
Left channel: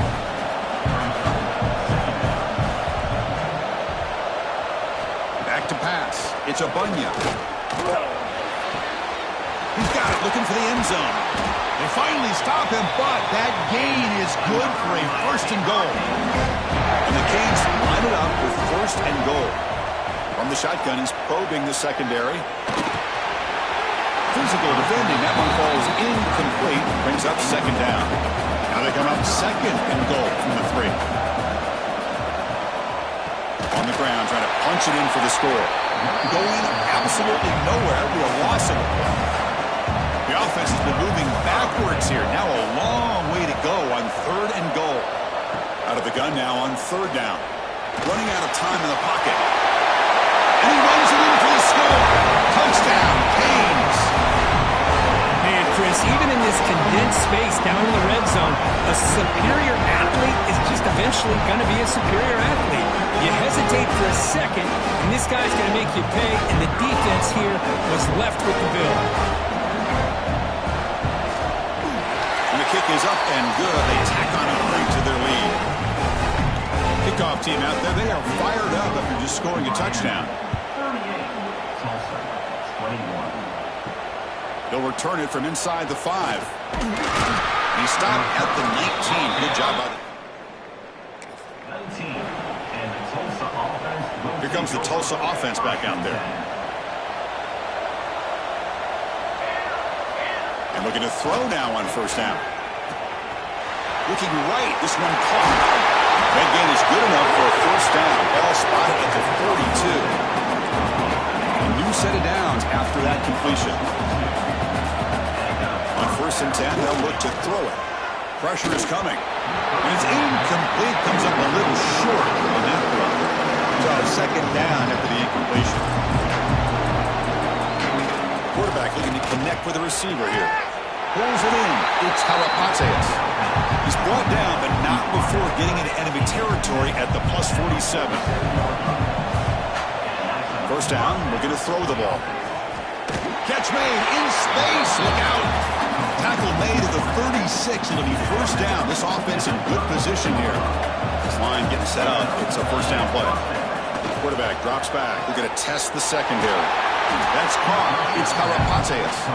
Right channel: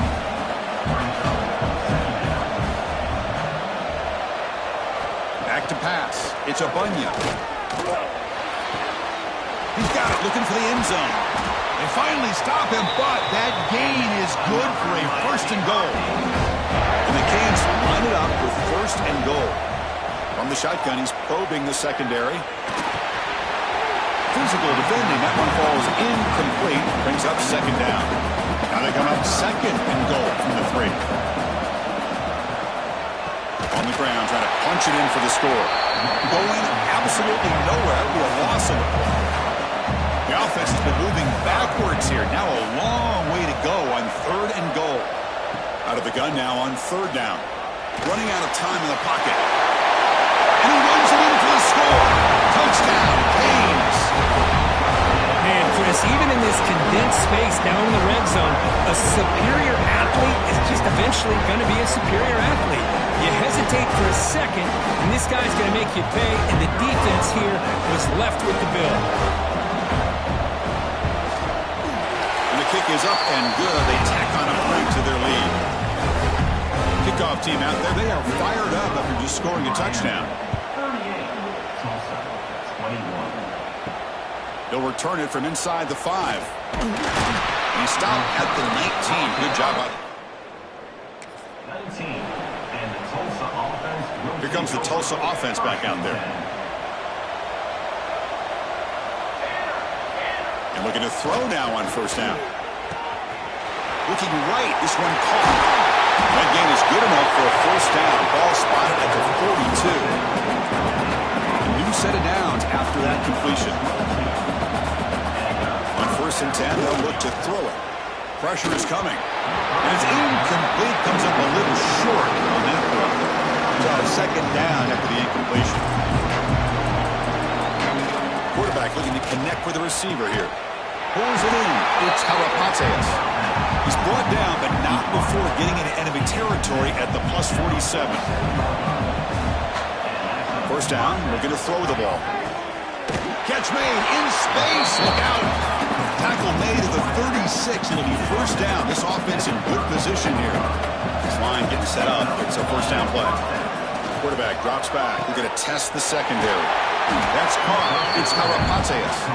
Back to pass. It's a Bunya. He's got it, looking for the end zone. They finally stop him, but that gain is good for a 1st and goal. And the Canes line it up with 1st and goal. From the shotgun, he's probing the secondary. Physical defending. That one falls incomplete. Brings up 2nd down. Now they come up 2nd and goal from the 3. On the ground, trying to punch it in for the score. Going absolutely nowhere. It'll be a loss of the play. The offense has been moving backwards here. Now a long way to go on 3rd and goal. Out of the gun now on 3rd down. Running out of time in the pocket. And he runs it in for the score. Touchdown, Canes. Man, Chris, even in this condensed space down in the red zone, a superior athlete is just eventually going to be a superior athlete. You hesitate for a second, and this guy's going to make you pay, and the defense here was left with the bill. And the kick is up and good. They tack on a break to their lead. Kickoff team out there, they are fired up after just scoring a touchdown. 38, Tulsa, 21. They'll return it from inside the 5. And he stopped at the 19. Good job by the... 19, and the Tulsa offense will... Here comes the Tulsa offense back out there. And looking to throw now on 1st down. Looking right, this one caught. That gain is good enough for a 1st down. Ball spotted at the 42. A new set of downs after that completion. On 1st and 10, they'll look to throw it. Pressure is coming. And it's incomplete. Comes up a little short on that run. So 2nd down after the incompletion. Quarterback looking to connect with the receiver here. Pulls it in. It's Harapateas. He's brought down, but not before getting into enemy territory at the plus 47. 1st down, looking to throw the ball. Catch made in space. Look out. Tackle made at the 36. It'll be 1st down. This offense in good position here. This line getting set up. It's a 1st down play. Quarterback drops back. We're going to test the secondary. That's caught. It's Harapateas.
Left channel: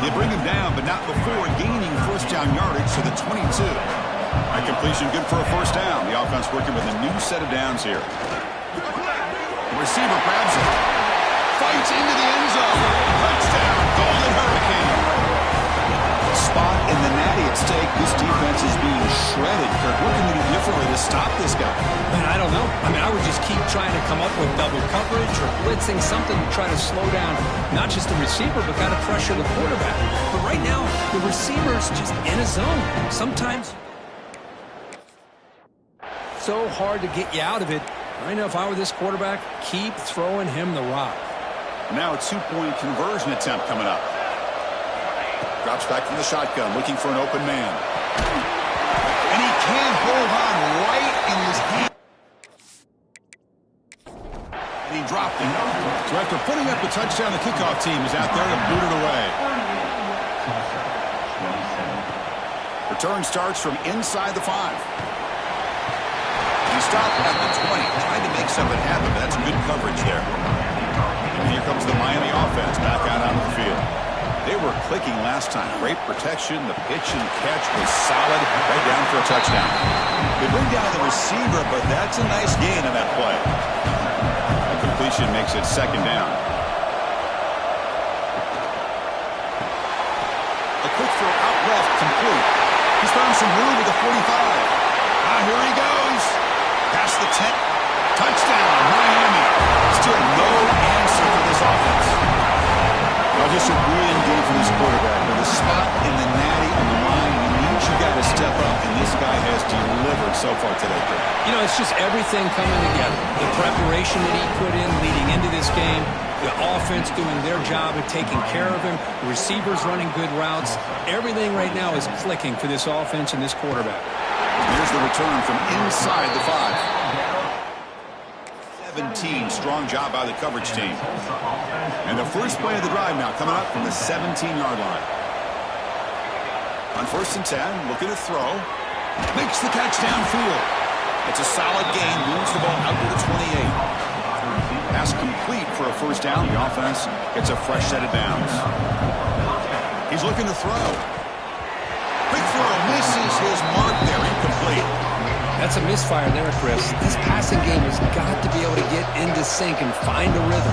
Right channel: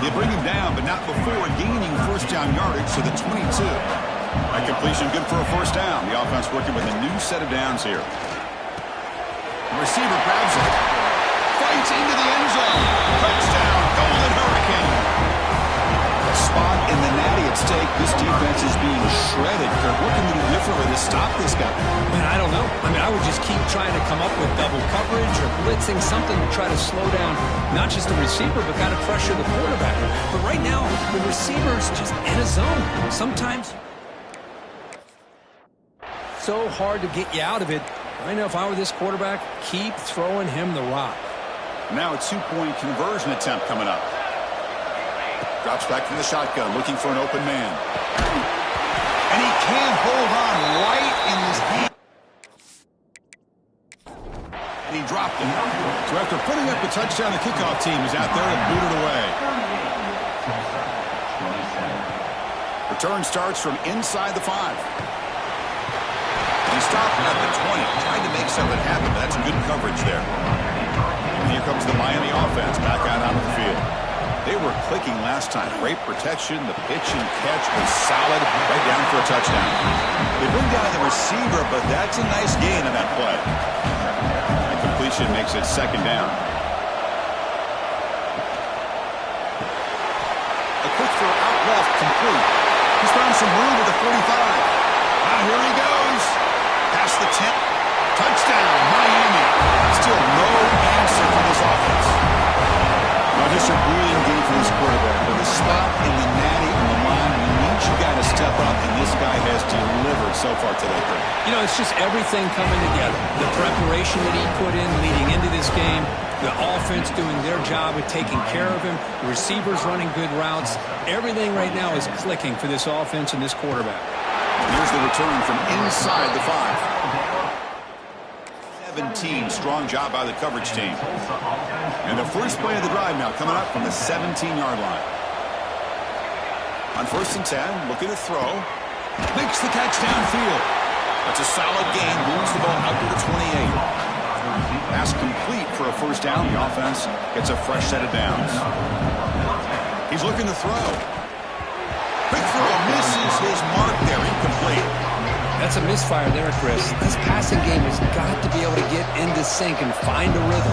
They bring him down, but not before gaining 1st down yardage to the 22. That completion good for a 1st down. The offense working with a new set of downs here. The receiver grabs it. Fights into the end zone. Touchdown, Golden Hurricane. Spot in the natty at stake. This defense is being shredded. Kirk, what can we do differently to stop this guy? Man, I don't know. I mean, I would just keep trying to come up with double coverage or blitzing, something to try to slow down not just the receiver, but kind of pressure the quarterback. But right now, the receiver's just in a zone. Sometimes so hard to get you out of it. I know if I were this quarterback, keep throwing him the rock. Now a 2-point conversion attempt coming up. Drops back from the shotgun, looking for an open man. And he can't hold on right in his hand. And he dropped it. So after putting up a touchdown, the kickoff team is out there to boot it away. Return starts from inside the 5. He stopped at the 20, trying to make something happen, but that's good coverage there. And here comes the Miami offense back out onto the field. They were clicking last time. Great protection. The pitch and catch was solid. Right down for a touchdown. They bring down the receiver, but that's a nice gain on that play. That completion makes it second down. A quick throw out left, complete. He's found some room with the 45. Here he goes. Past the 10. Touchdown, Miami. Still no answer for this offense. Well, just a brilliant game for this quarterback. With a spot in the natty on the line, we need you guys to step up, and this guy has delivered so far today, Kurt. You know, it's just everything coming together. The preparation that he put in leading into this game, the offense doing their job of taking care of him, the receivers running good routes. Everything right now is clicking for this offense and this quarterback. Here's the return from inside the 5. 17, strong job by the coverage team. And the first play of the drive now coming up from the 17-yard line. On 1st and 10, looking to throw. Makes the catch downfield. That's a solid gain, moves the ball out to the 28. Pass complete for a first down. The offense gets a fresh set of downs. He's looking to throw. Quick throw, misses his mark there, incomplete. That's a misfire there, Chris. This passing game has got to be able to get into sync and find a rhythm.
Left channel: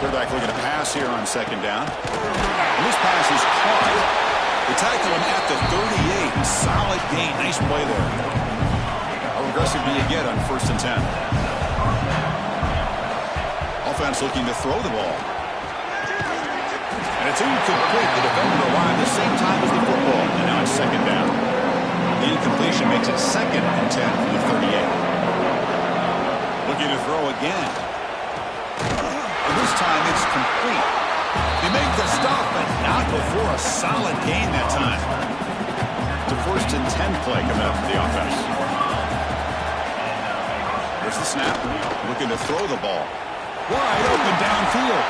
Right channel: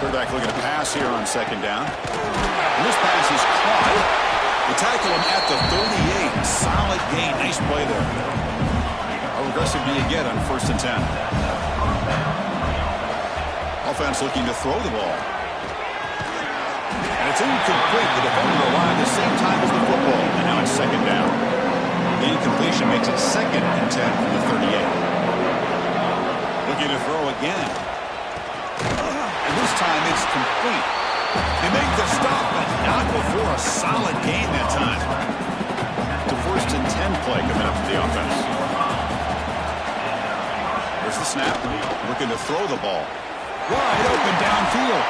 Quarterback looking to pass here on second down. And this pass is caught. They tackle him at the 38. Solid gain. Nice play there. How aggressive do you get on 1st and 10? Offense looking to throw the ball. And it's incomplete. The defender arrived at the same time as the football. And now it's second down. The incompletion makes it 2nd and 10 from the 38. Looking to throw again. And this time it's complete. They make the stop, but not before a solid gain that time. It's a 1st and 10 play coming up for the offense. There's the snap. Looking to throw the ball. Wide open downfield.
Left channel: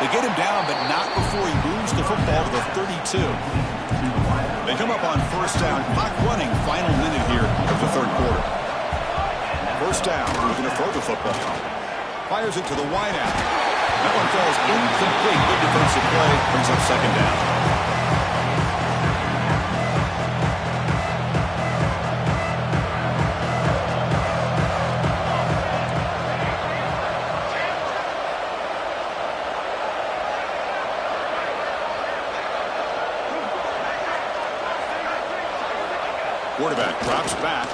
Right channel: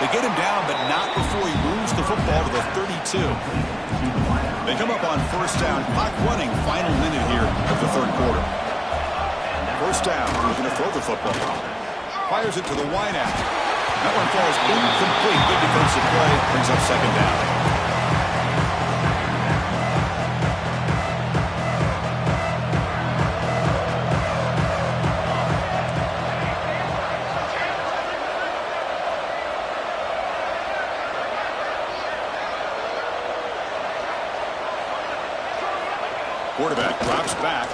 They get him down, but not before he moves the football to the 32. They come up on 1st down. Clock running. Final minute here of the 3rd quarter. 1st down. Looking to throw the football. Fires it to the wideout. That one falls incomplete. Good defensive play. Brings up second down. Quarterback drops back.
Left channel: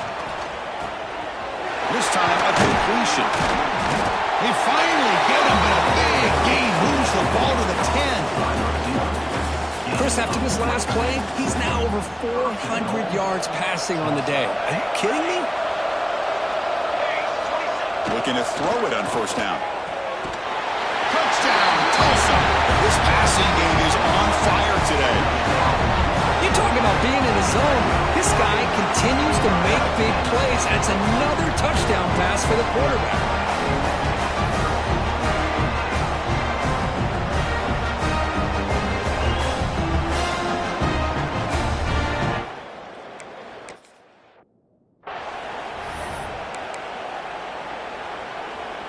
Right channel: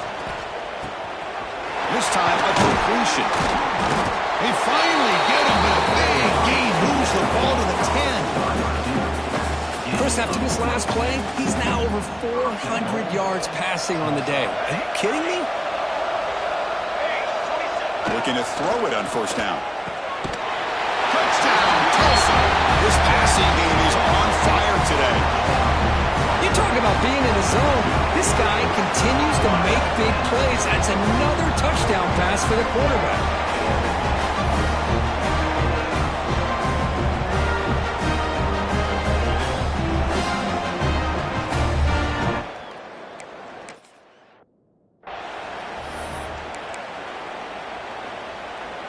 This time a completion. They finally get him, but a big gain moves the ball to the 10. Chris, after this last play, he's now over 400 yards passing on the day. Are you kidding me? Looking to throw it on 1st down. Touchdown, Tulsa. This passing game is on fire today. You talk about being in a zone. This guy continues to make big plays. That's another touchdown pass for the quarterback.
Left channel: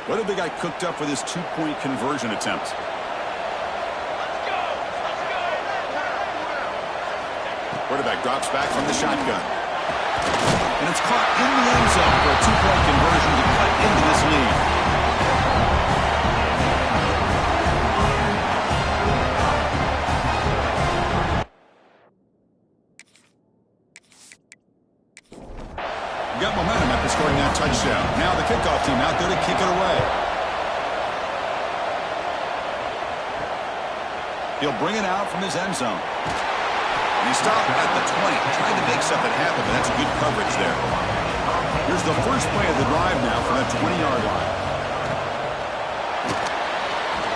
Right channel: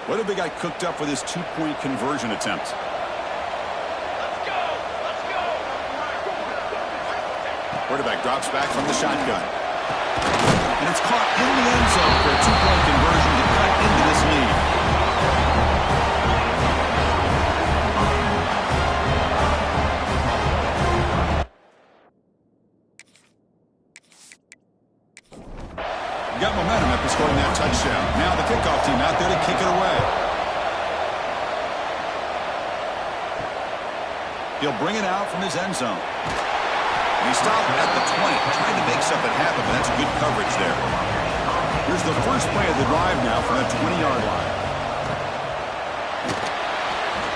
What have they got cooked up for this 2-point conversion attempt? Quarterback drops back from the shotgun. And it's caught in the end zone for a 2-point conversion to cut into this lead. for scoring that touchdown. Now the kickoff team out there to kick it away. He'll bring it out from his end zone. And he stopped at the 20, trying to make something happen, but that's good coverage there. Here's the first play of the drive now from the 20-yard line.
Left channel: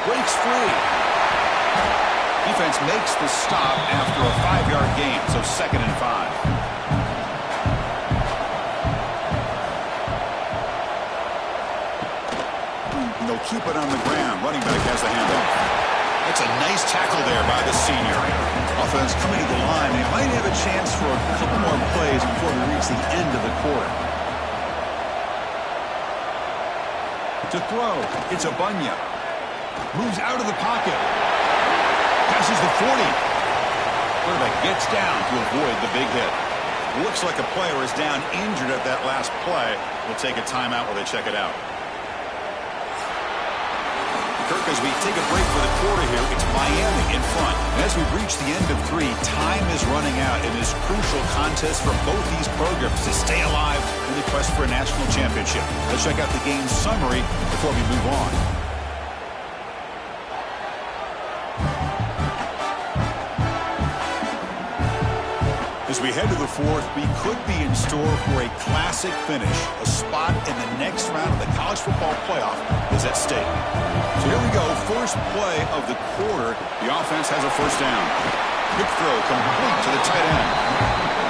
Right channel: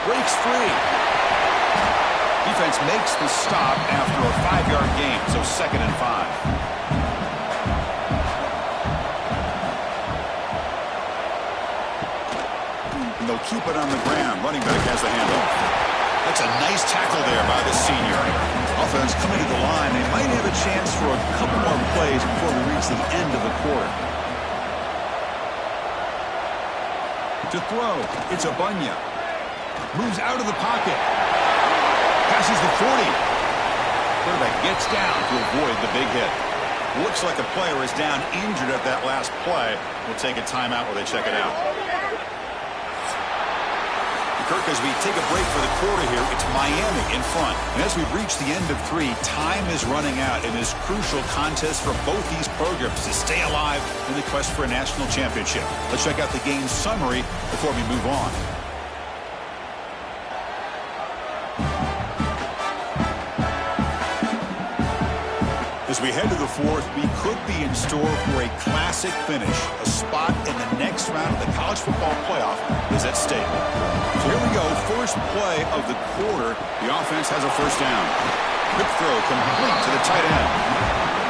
Breaks free. Defense makes the stop after a 5-yard gain, so 2nd and 5. And they'll keep it on the ground. Running back has the handoff. That's a nice tackle there by the senior. Offense coming to the line. They might have a chance for a couple more plays before we reach the end of the quarter. To throw, it's a Bunya. Moves out of the pocket. Passes the 40. Quarterback gets down to avoid the big hit. Looks like a player is down injured at that last play. We'll take a timeout while they check it out. Kirk, as we take a break for the quarter here, it's Miami in front. And as we reach the end of 3, time is running out in this crucial contest for both these programs to stay alive in the quest for a national championship. Let's check out the game summary before we move on. As we head to the 4th, we could be in store for a classic finish. A spot in the next round of the college football playoff is at stake. So here we go, first play of the quarter. The offense has a first down. Quick throw complete to the tight end.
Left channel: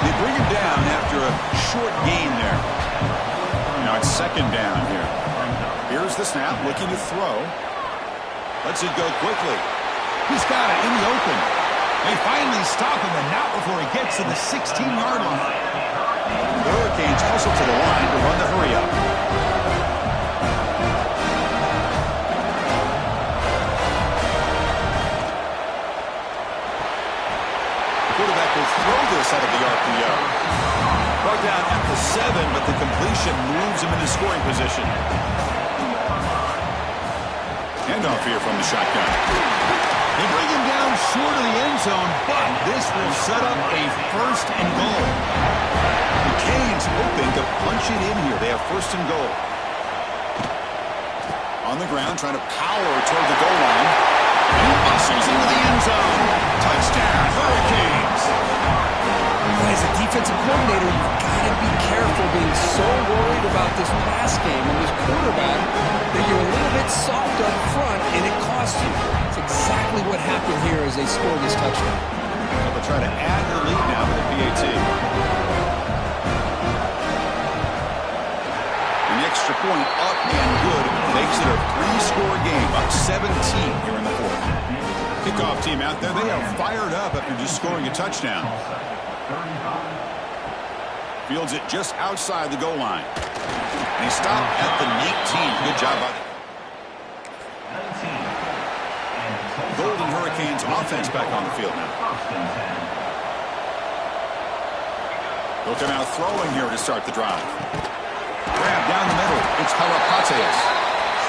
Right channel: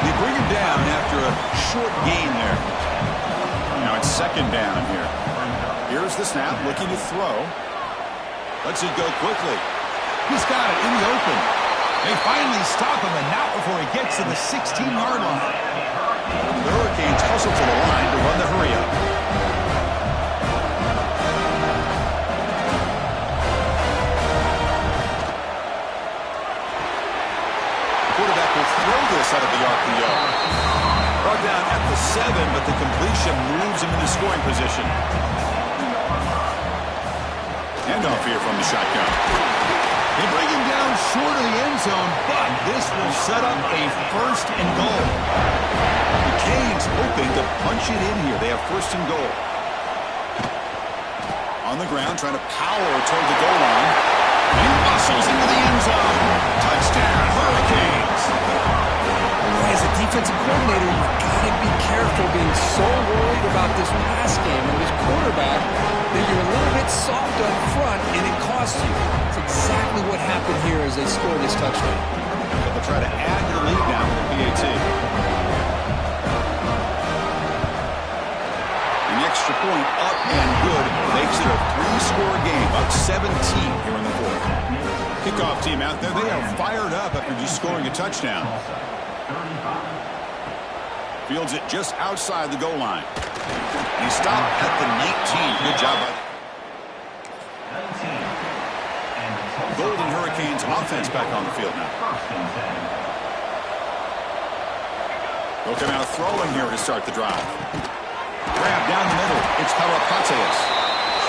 They bring him down after a short gain there. Now it's 2nd down here. Here's the snap, looking to throw. Lets it go quickly. He's got it in the open. They finally stop him, and not before he gets to the 16-yard line. The Hurricanes hustle to the line to run the hurry-up. The quarterback will throw this out of the RPO. Brought down at the 7, but the completion moves him into scoring position. Handoff here from the shotgun. They bring him down short of the end zone, but this will set up a 1st and goal. The Canes hoping to punch it in here. They have 1st and goal. On the ground, trying to power toward the goal line. And he muscles into the end zone. Touchdown, Hurricanes. As a defensive coordinator, you've got to be careful being so worried about this pass game and this quarterback that you're a little bit soft up front, and it costs you. It's exactly what happened here as they scored this touchdown. But they'll try to add to the lead now with the PAT. And the extra point up and good makes it a 3-score game, up 17 here in the 4th. Kickoff team out there, they are fired up after just scoring a touchdown. Fields it just outside the goal line. And he stopped at the 19. Good job by the Golden Hurricanes offense back on the field now. They'll come out throwing here to start the drive. Grab down the middle. It's Harapateas.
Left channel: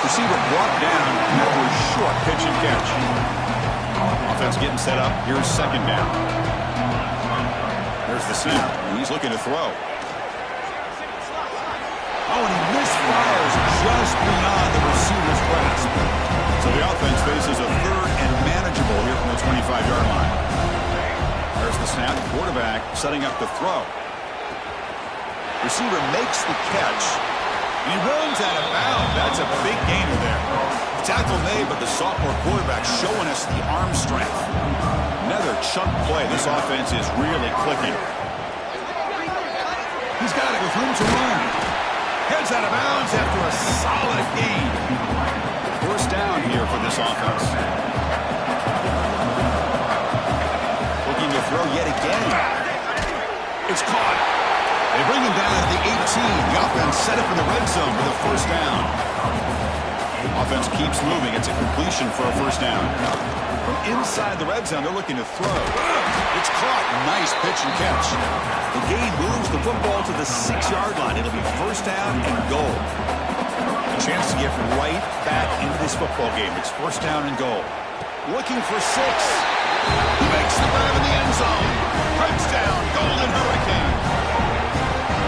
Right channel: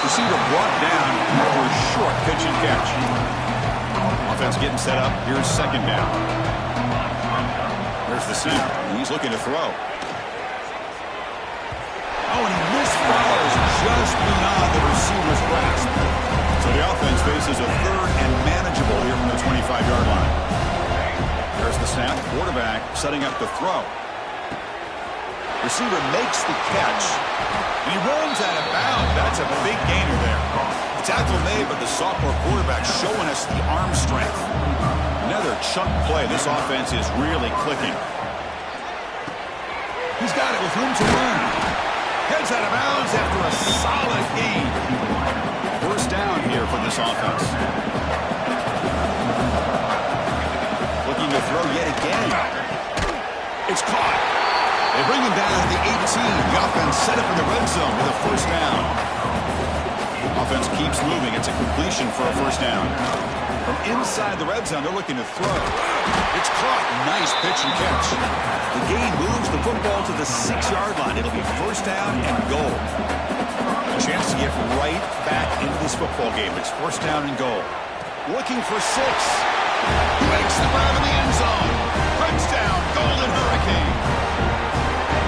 Receiver brought down after a short pitch and catch. Offense getting set up. Here's 2nd down. There's the snap. He's looking to throw. Oh, and he misfires just beyond the receiver's grasp. So the offense faces a 3rd and manageable here from the 25-yard line. There's the snap. Quarterback setting up the throw. Receiver makes the catch. And he runs out of bounds. That's a big gainer there. The tackle made, but the sophomore quarterback showing us the arm strength. Another chunk play. This offense is really clicking. He's got it with room to run. Heads out of bounds after a solid gain. 1st down here for this offense. Looking to throw yet again. It's caught. They bring him down to the 18. The offense set up in the red zone with a 1st down. Offense keeps moving. It's a completion for a 1st down. From inside the red zone, they're looking to throw. It's caught. Nice pitch and catch. The gain moves the football to the 6-yard line. It'll be 1st down and goal. A chance to get right back into this football game. It's 1st down and goal. Looking for 6. He makes the grab in the end zone. Touchdown, Golden Hurricane.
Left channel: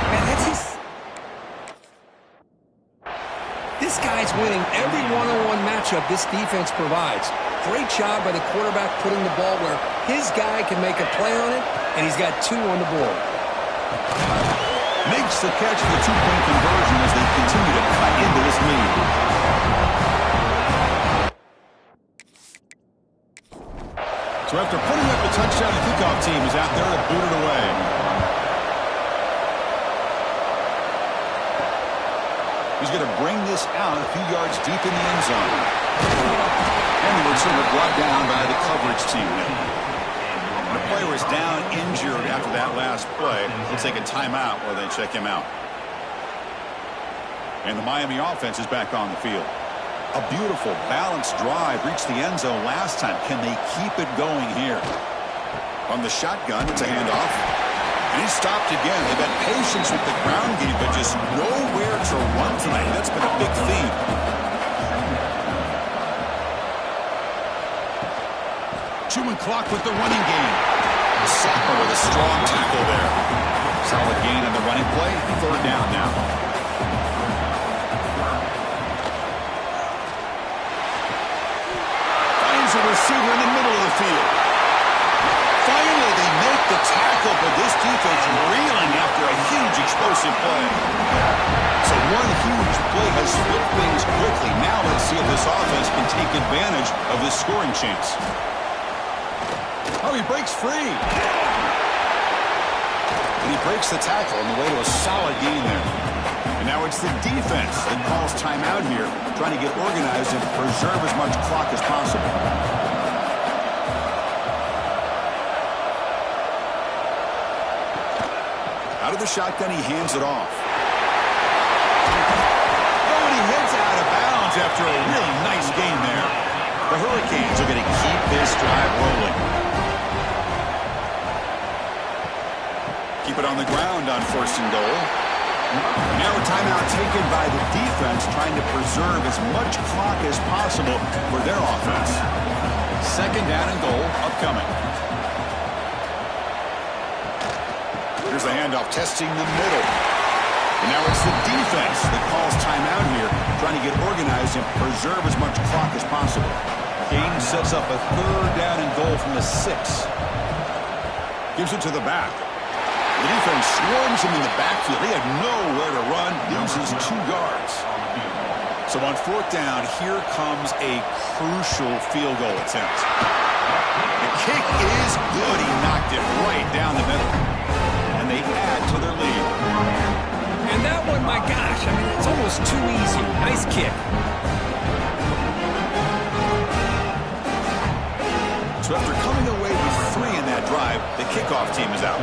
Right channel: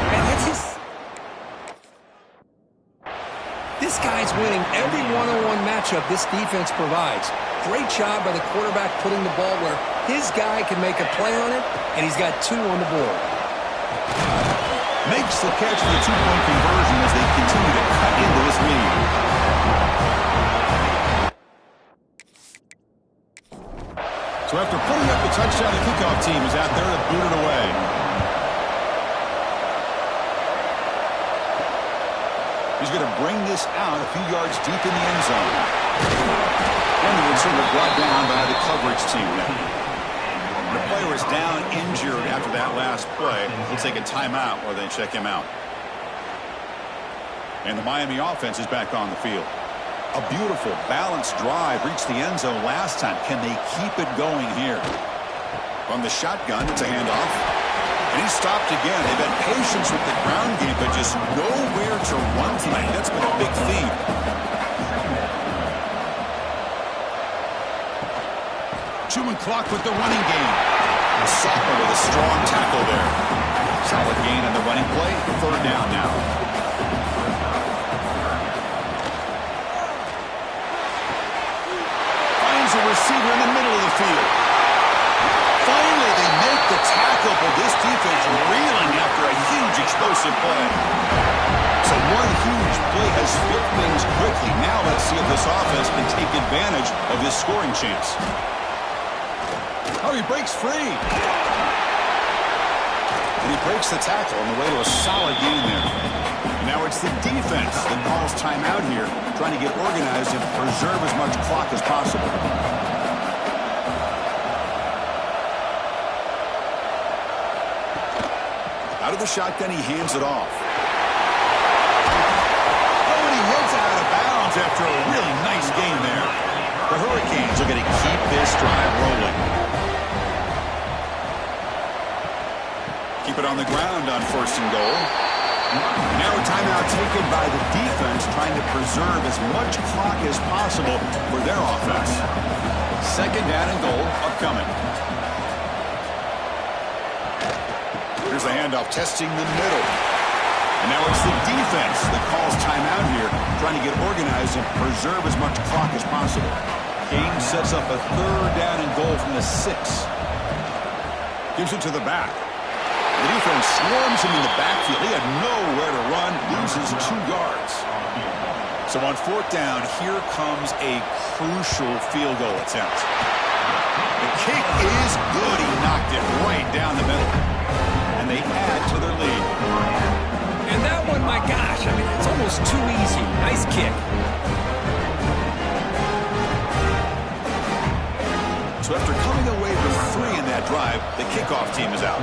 Man, that's his This guy's winning every one-on-one matchup this defense provides. Great job by the quarterback putting the ball where his guy can make a play on it, and he's got 2 on the board. Makes the catch for the 2-point conversion as they continue to cut into this lead. So after putting up the touchdown, the kickoff team is out there to boot it away. He's going to bring this out a few yards deep in the end zone. And the returner brought down by the coverage team now. The player was down injured after that last play. They'll take a timeout while they check him out. And the Miami offense is back on the field. A beautiful, balanced drive reached the end zone last time. Can they keep it going here? From the shotgun, it's a handoff. And he's stopped again. They've had patience with the ground game, but just nowhere to run tonight. That's been a big theme. Chewing clock with the running game. The sophomore with a strong tackle there. Solid gain on the running play. 3rd down now. Finds a receiver in the middle of the field. Finally, they make the tackle, but this defense reeling after a huge explosive play. So one huge play has flipped things quickly. Now let's see if this offense can take advantage of this scoring chance. Oh, he breaks free. And he breaks the tackle on the way to a solid gain there. And now it's the defense that calls timeout here, trying to get organized and preserve as much clock as possible. Out of the shotgun, he hands it off. Oh, and he heads out of bounds after a really nice gain there. The Hurricanes are going to keep this drive rolling. Keep it on the ground on 1st and goal. Now a timeout taken by the defense, trying to preserve as much clock as possible for their offense. 2nd down and goal upcoming. Here's the handoff, testing the middle. And now it's the defense that calls timeout here, trying to get organized and preserve as much clock as possible. Game sets up a 3rd down and goal from the 6. Gives it to the back. The defense swarms him in the backfield. He had nowhere to run, loses 2 yards. So on 4th down, here comes a crucial field goal attempt. The kick is good. He knocked it right down the middle. And they add to their lead. And that one, my gosh, I mean, it's almost too easy. Nice kick. So after coming away with 3 in that drive, the kickoff team is out.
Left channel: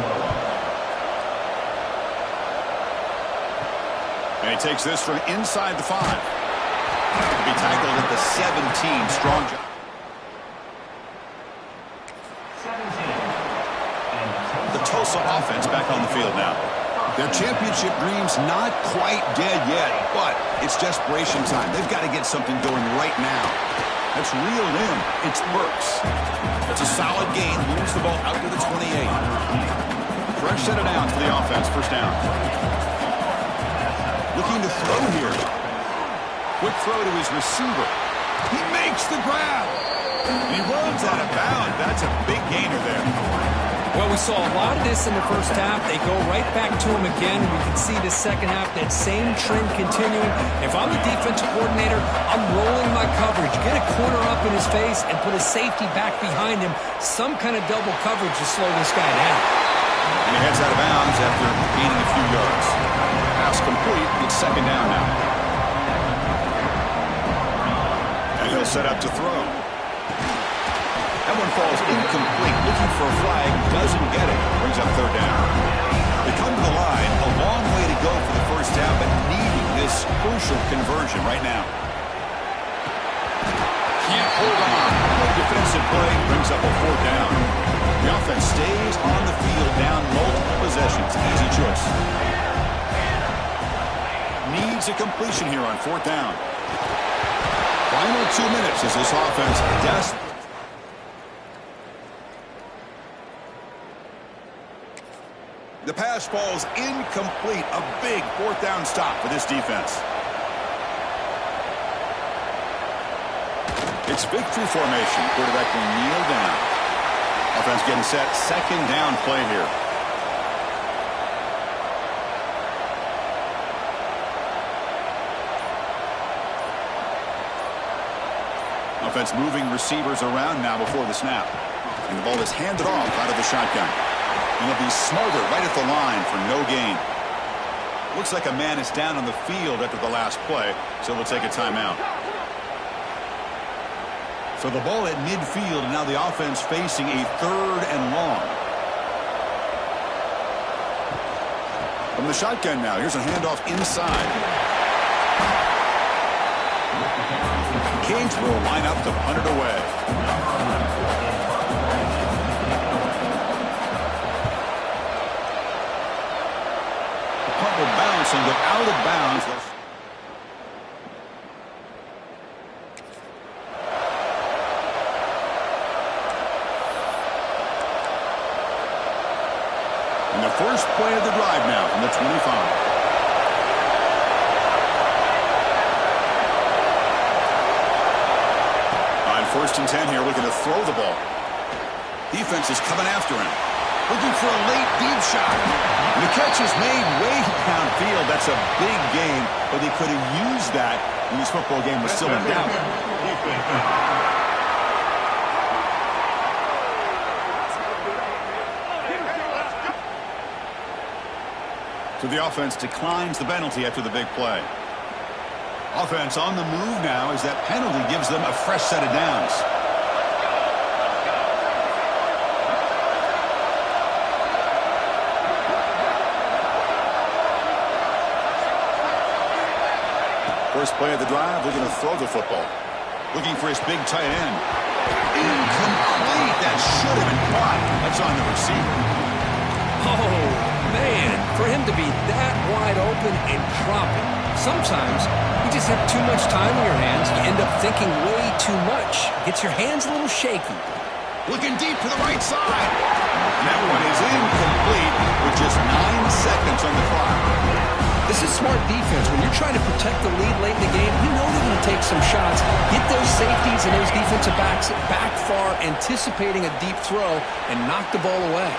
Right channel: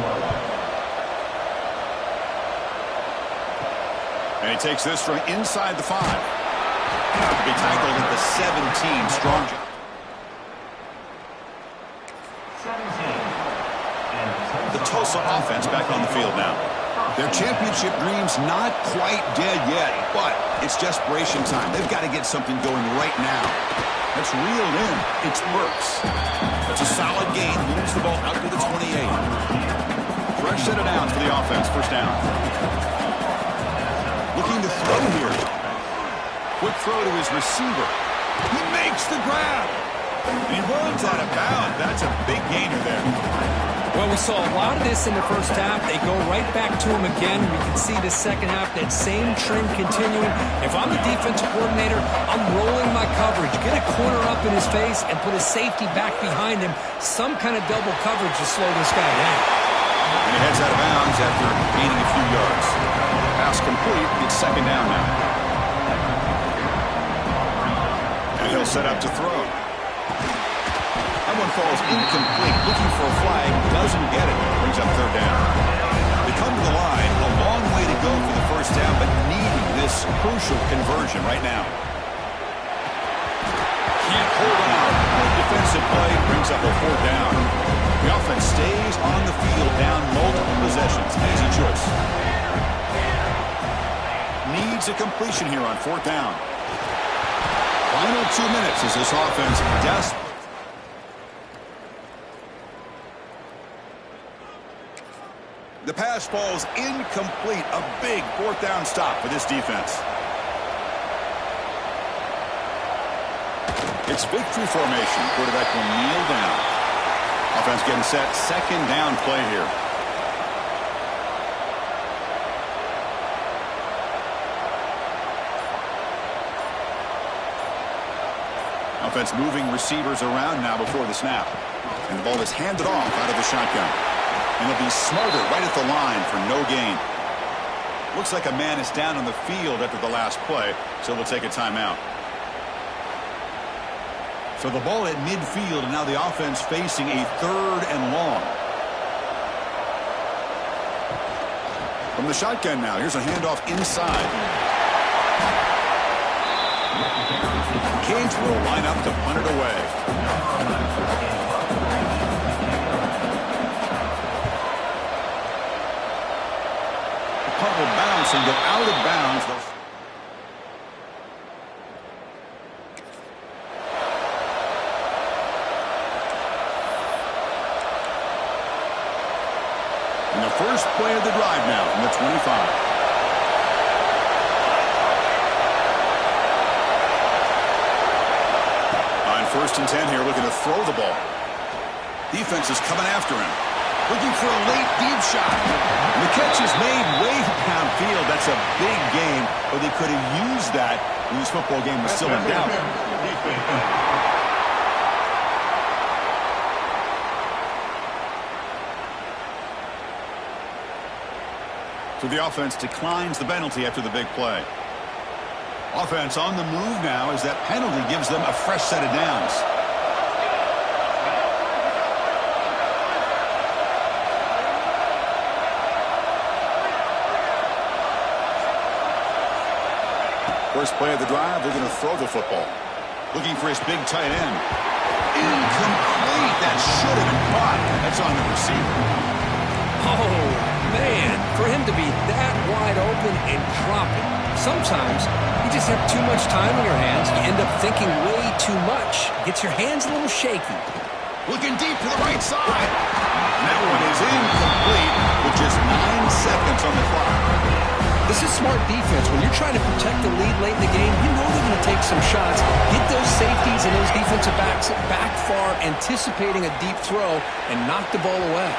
And he takes this from inside the 5. To be tackled at the 17. Strong job. 17. The Tulsa offense back on the field now. Their championship dreams not quite dead yet, but it's desperation time. They've got to get something going right now. That's reeled in. It's Burks. That's a solid gain. Moves the ball out to the 28. Fresh set of downs for the offense. 1st down. Looking to throw here. Quick throw to his receiver. He makes the grab. And he runs out of bounds. That's a big gainer there. Well, we saw a lot of this in the 1st half. They go right back to him again. We can see the 2nd half, that same trend continuing. If I'm the defensive coordinator, I'm rolling my coverage. Get a corner up in his face and put a safety back behind him. Some kind of double coverage to slow this guy down. And he heads out of bounds after gaining a few yards. Pass complete. It's 2nd down now. And he'll set up to throw. That one falls incomplete. Looking for a flag. Doesn't get it. Brings up 3rd down. They come to the line. A long way to go for the 1st down, but needing this crucial conversion right now. Can't hold on. Good defensive play. Brings up a 4th down. The offense stays on the field, down multiple possessions. Easy choice. Needs a completion here on 4th down. Final 2 minutes as this offense desperate. The pass falls incomplete. A big 4th down stop for this defense. It's victory formation. Quarterback will kneel down. Offense getting set. Second down play here. Offense moving receivers around now before the snap. And the ball is handed off out of the shotgun. And they'll be smarter right at the line for no gain. Looks like a man is down on the field after the last play, so we'll take a timeout. So the ball at midfield, and now the offense facing a 3rd and long. From the shotgun now, here's a handoff inside. Canes will line up to punt it away. The punt will bounce and go out of bounds. And the first play of the drive now from the 25. On 1st and 10 here, looking to throw the ball. Defense is coming after him. Looking for a late deep shot. And the catch is made way downfield. That's a big gain, but they could have used that when this football game was still in doubt. So the offense declines the penalty after the big play. Offense on the move now as that penalty gives them a fresh set of downs. First play of the drive, looking to throw the football. Looking for his big tight end. Incomplete. That should have been caught. That's on the receiver. Oh, man, for him to be that wide open and drop it. Sometimes you just have too much time in your hands. You end up thinking way too much. Gets your hands a little shaky. Looking deep to the right side. And that one is incomplete with just 9 seconds on the clock. This is smart defense. When you're trying to protect the lead late in the game, you know they're going to take some shots. Get those safeties and those defensive backs back far, anticipating a deep throw, and knock the ball away.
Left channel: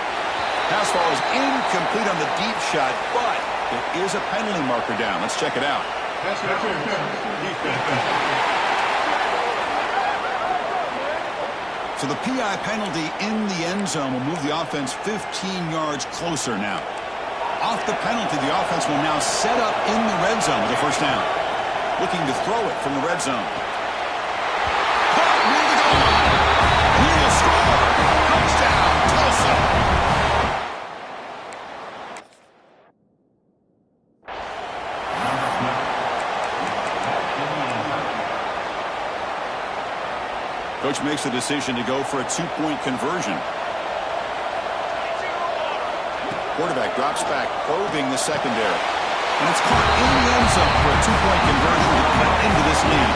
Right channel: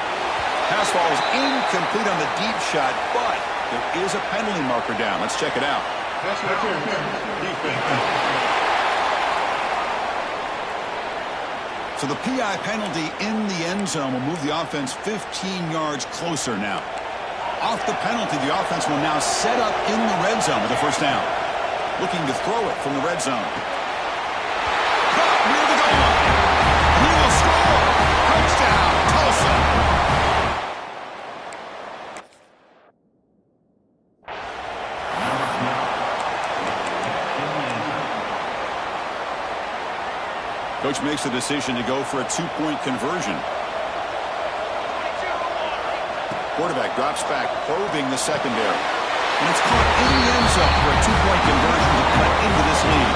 Pass ball is incomplete on the deep shot, but there is a penalty marker down. Let's check it out. So the PI penalty in the end zone will move the offense 15 yards closer now. Off the penalty, the offense will now set up in the red zone with a first down. Looking to throw it from the red zone. Caught near the goal line. And he will score. Touchdown, Tulsa. Coach makes the decision to go for a 2-point conversion. Quarterback drops back, probing the secondary. And it's caught in the end zone for a 2-point conversion to cut into this lead.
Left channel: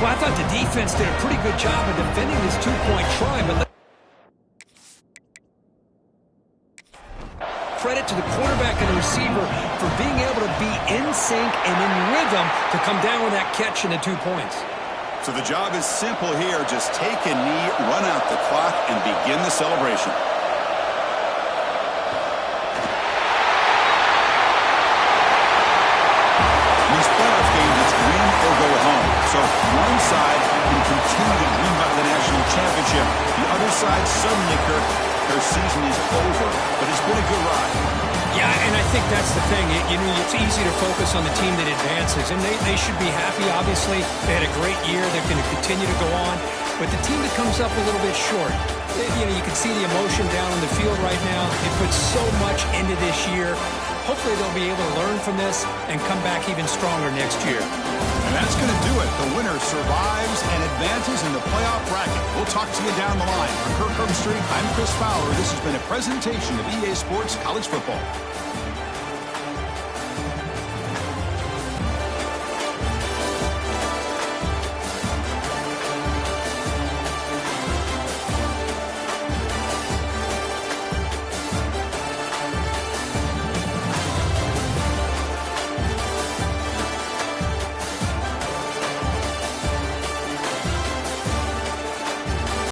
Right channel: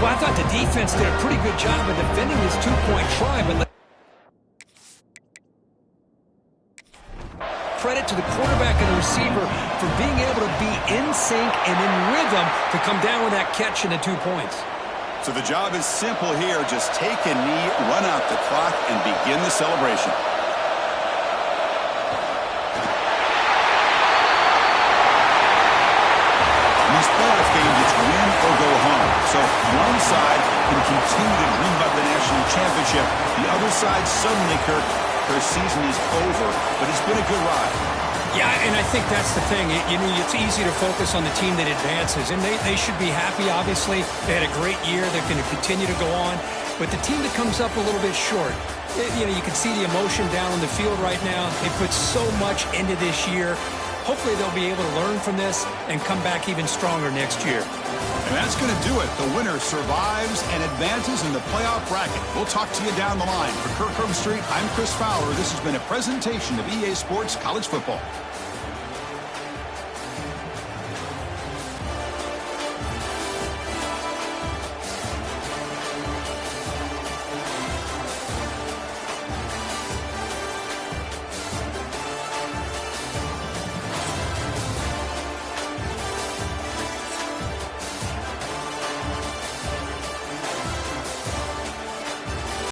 Well, I thought the defense did a pretty good job of defending this 2-point try, but credit to the quarterback and the receiver for being able to be in sync and in rhythm to come down with that catch and the 2 points. So the job is simple here. Just take a knee, run out the clock, and begin the celebration. In these playoff games, it's win or go home. So one side can continue to dream about the national championship. The other side suddenly, Kirk, their season is over, but it's been a good ride. Yeah, and I think that's the thing. It's easy to focus on the team that advances, and they should be happy, obviously. They had a great year. They're going to continue to go on. But the team that comes up a little bit short, you can see the emotion down on the field right now. They put so much into this year. Hopefully they'll be able to learn from this and come back even stronger next year. And that's going to do it. The winner survives and advances in the playoff bracket. We'll talk to you down the line. For Kirk Herbstreit, I'm Chris Fowler. This has been a presentation of EA Sports College Football.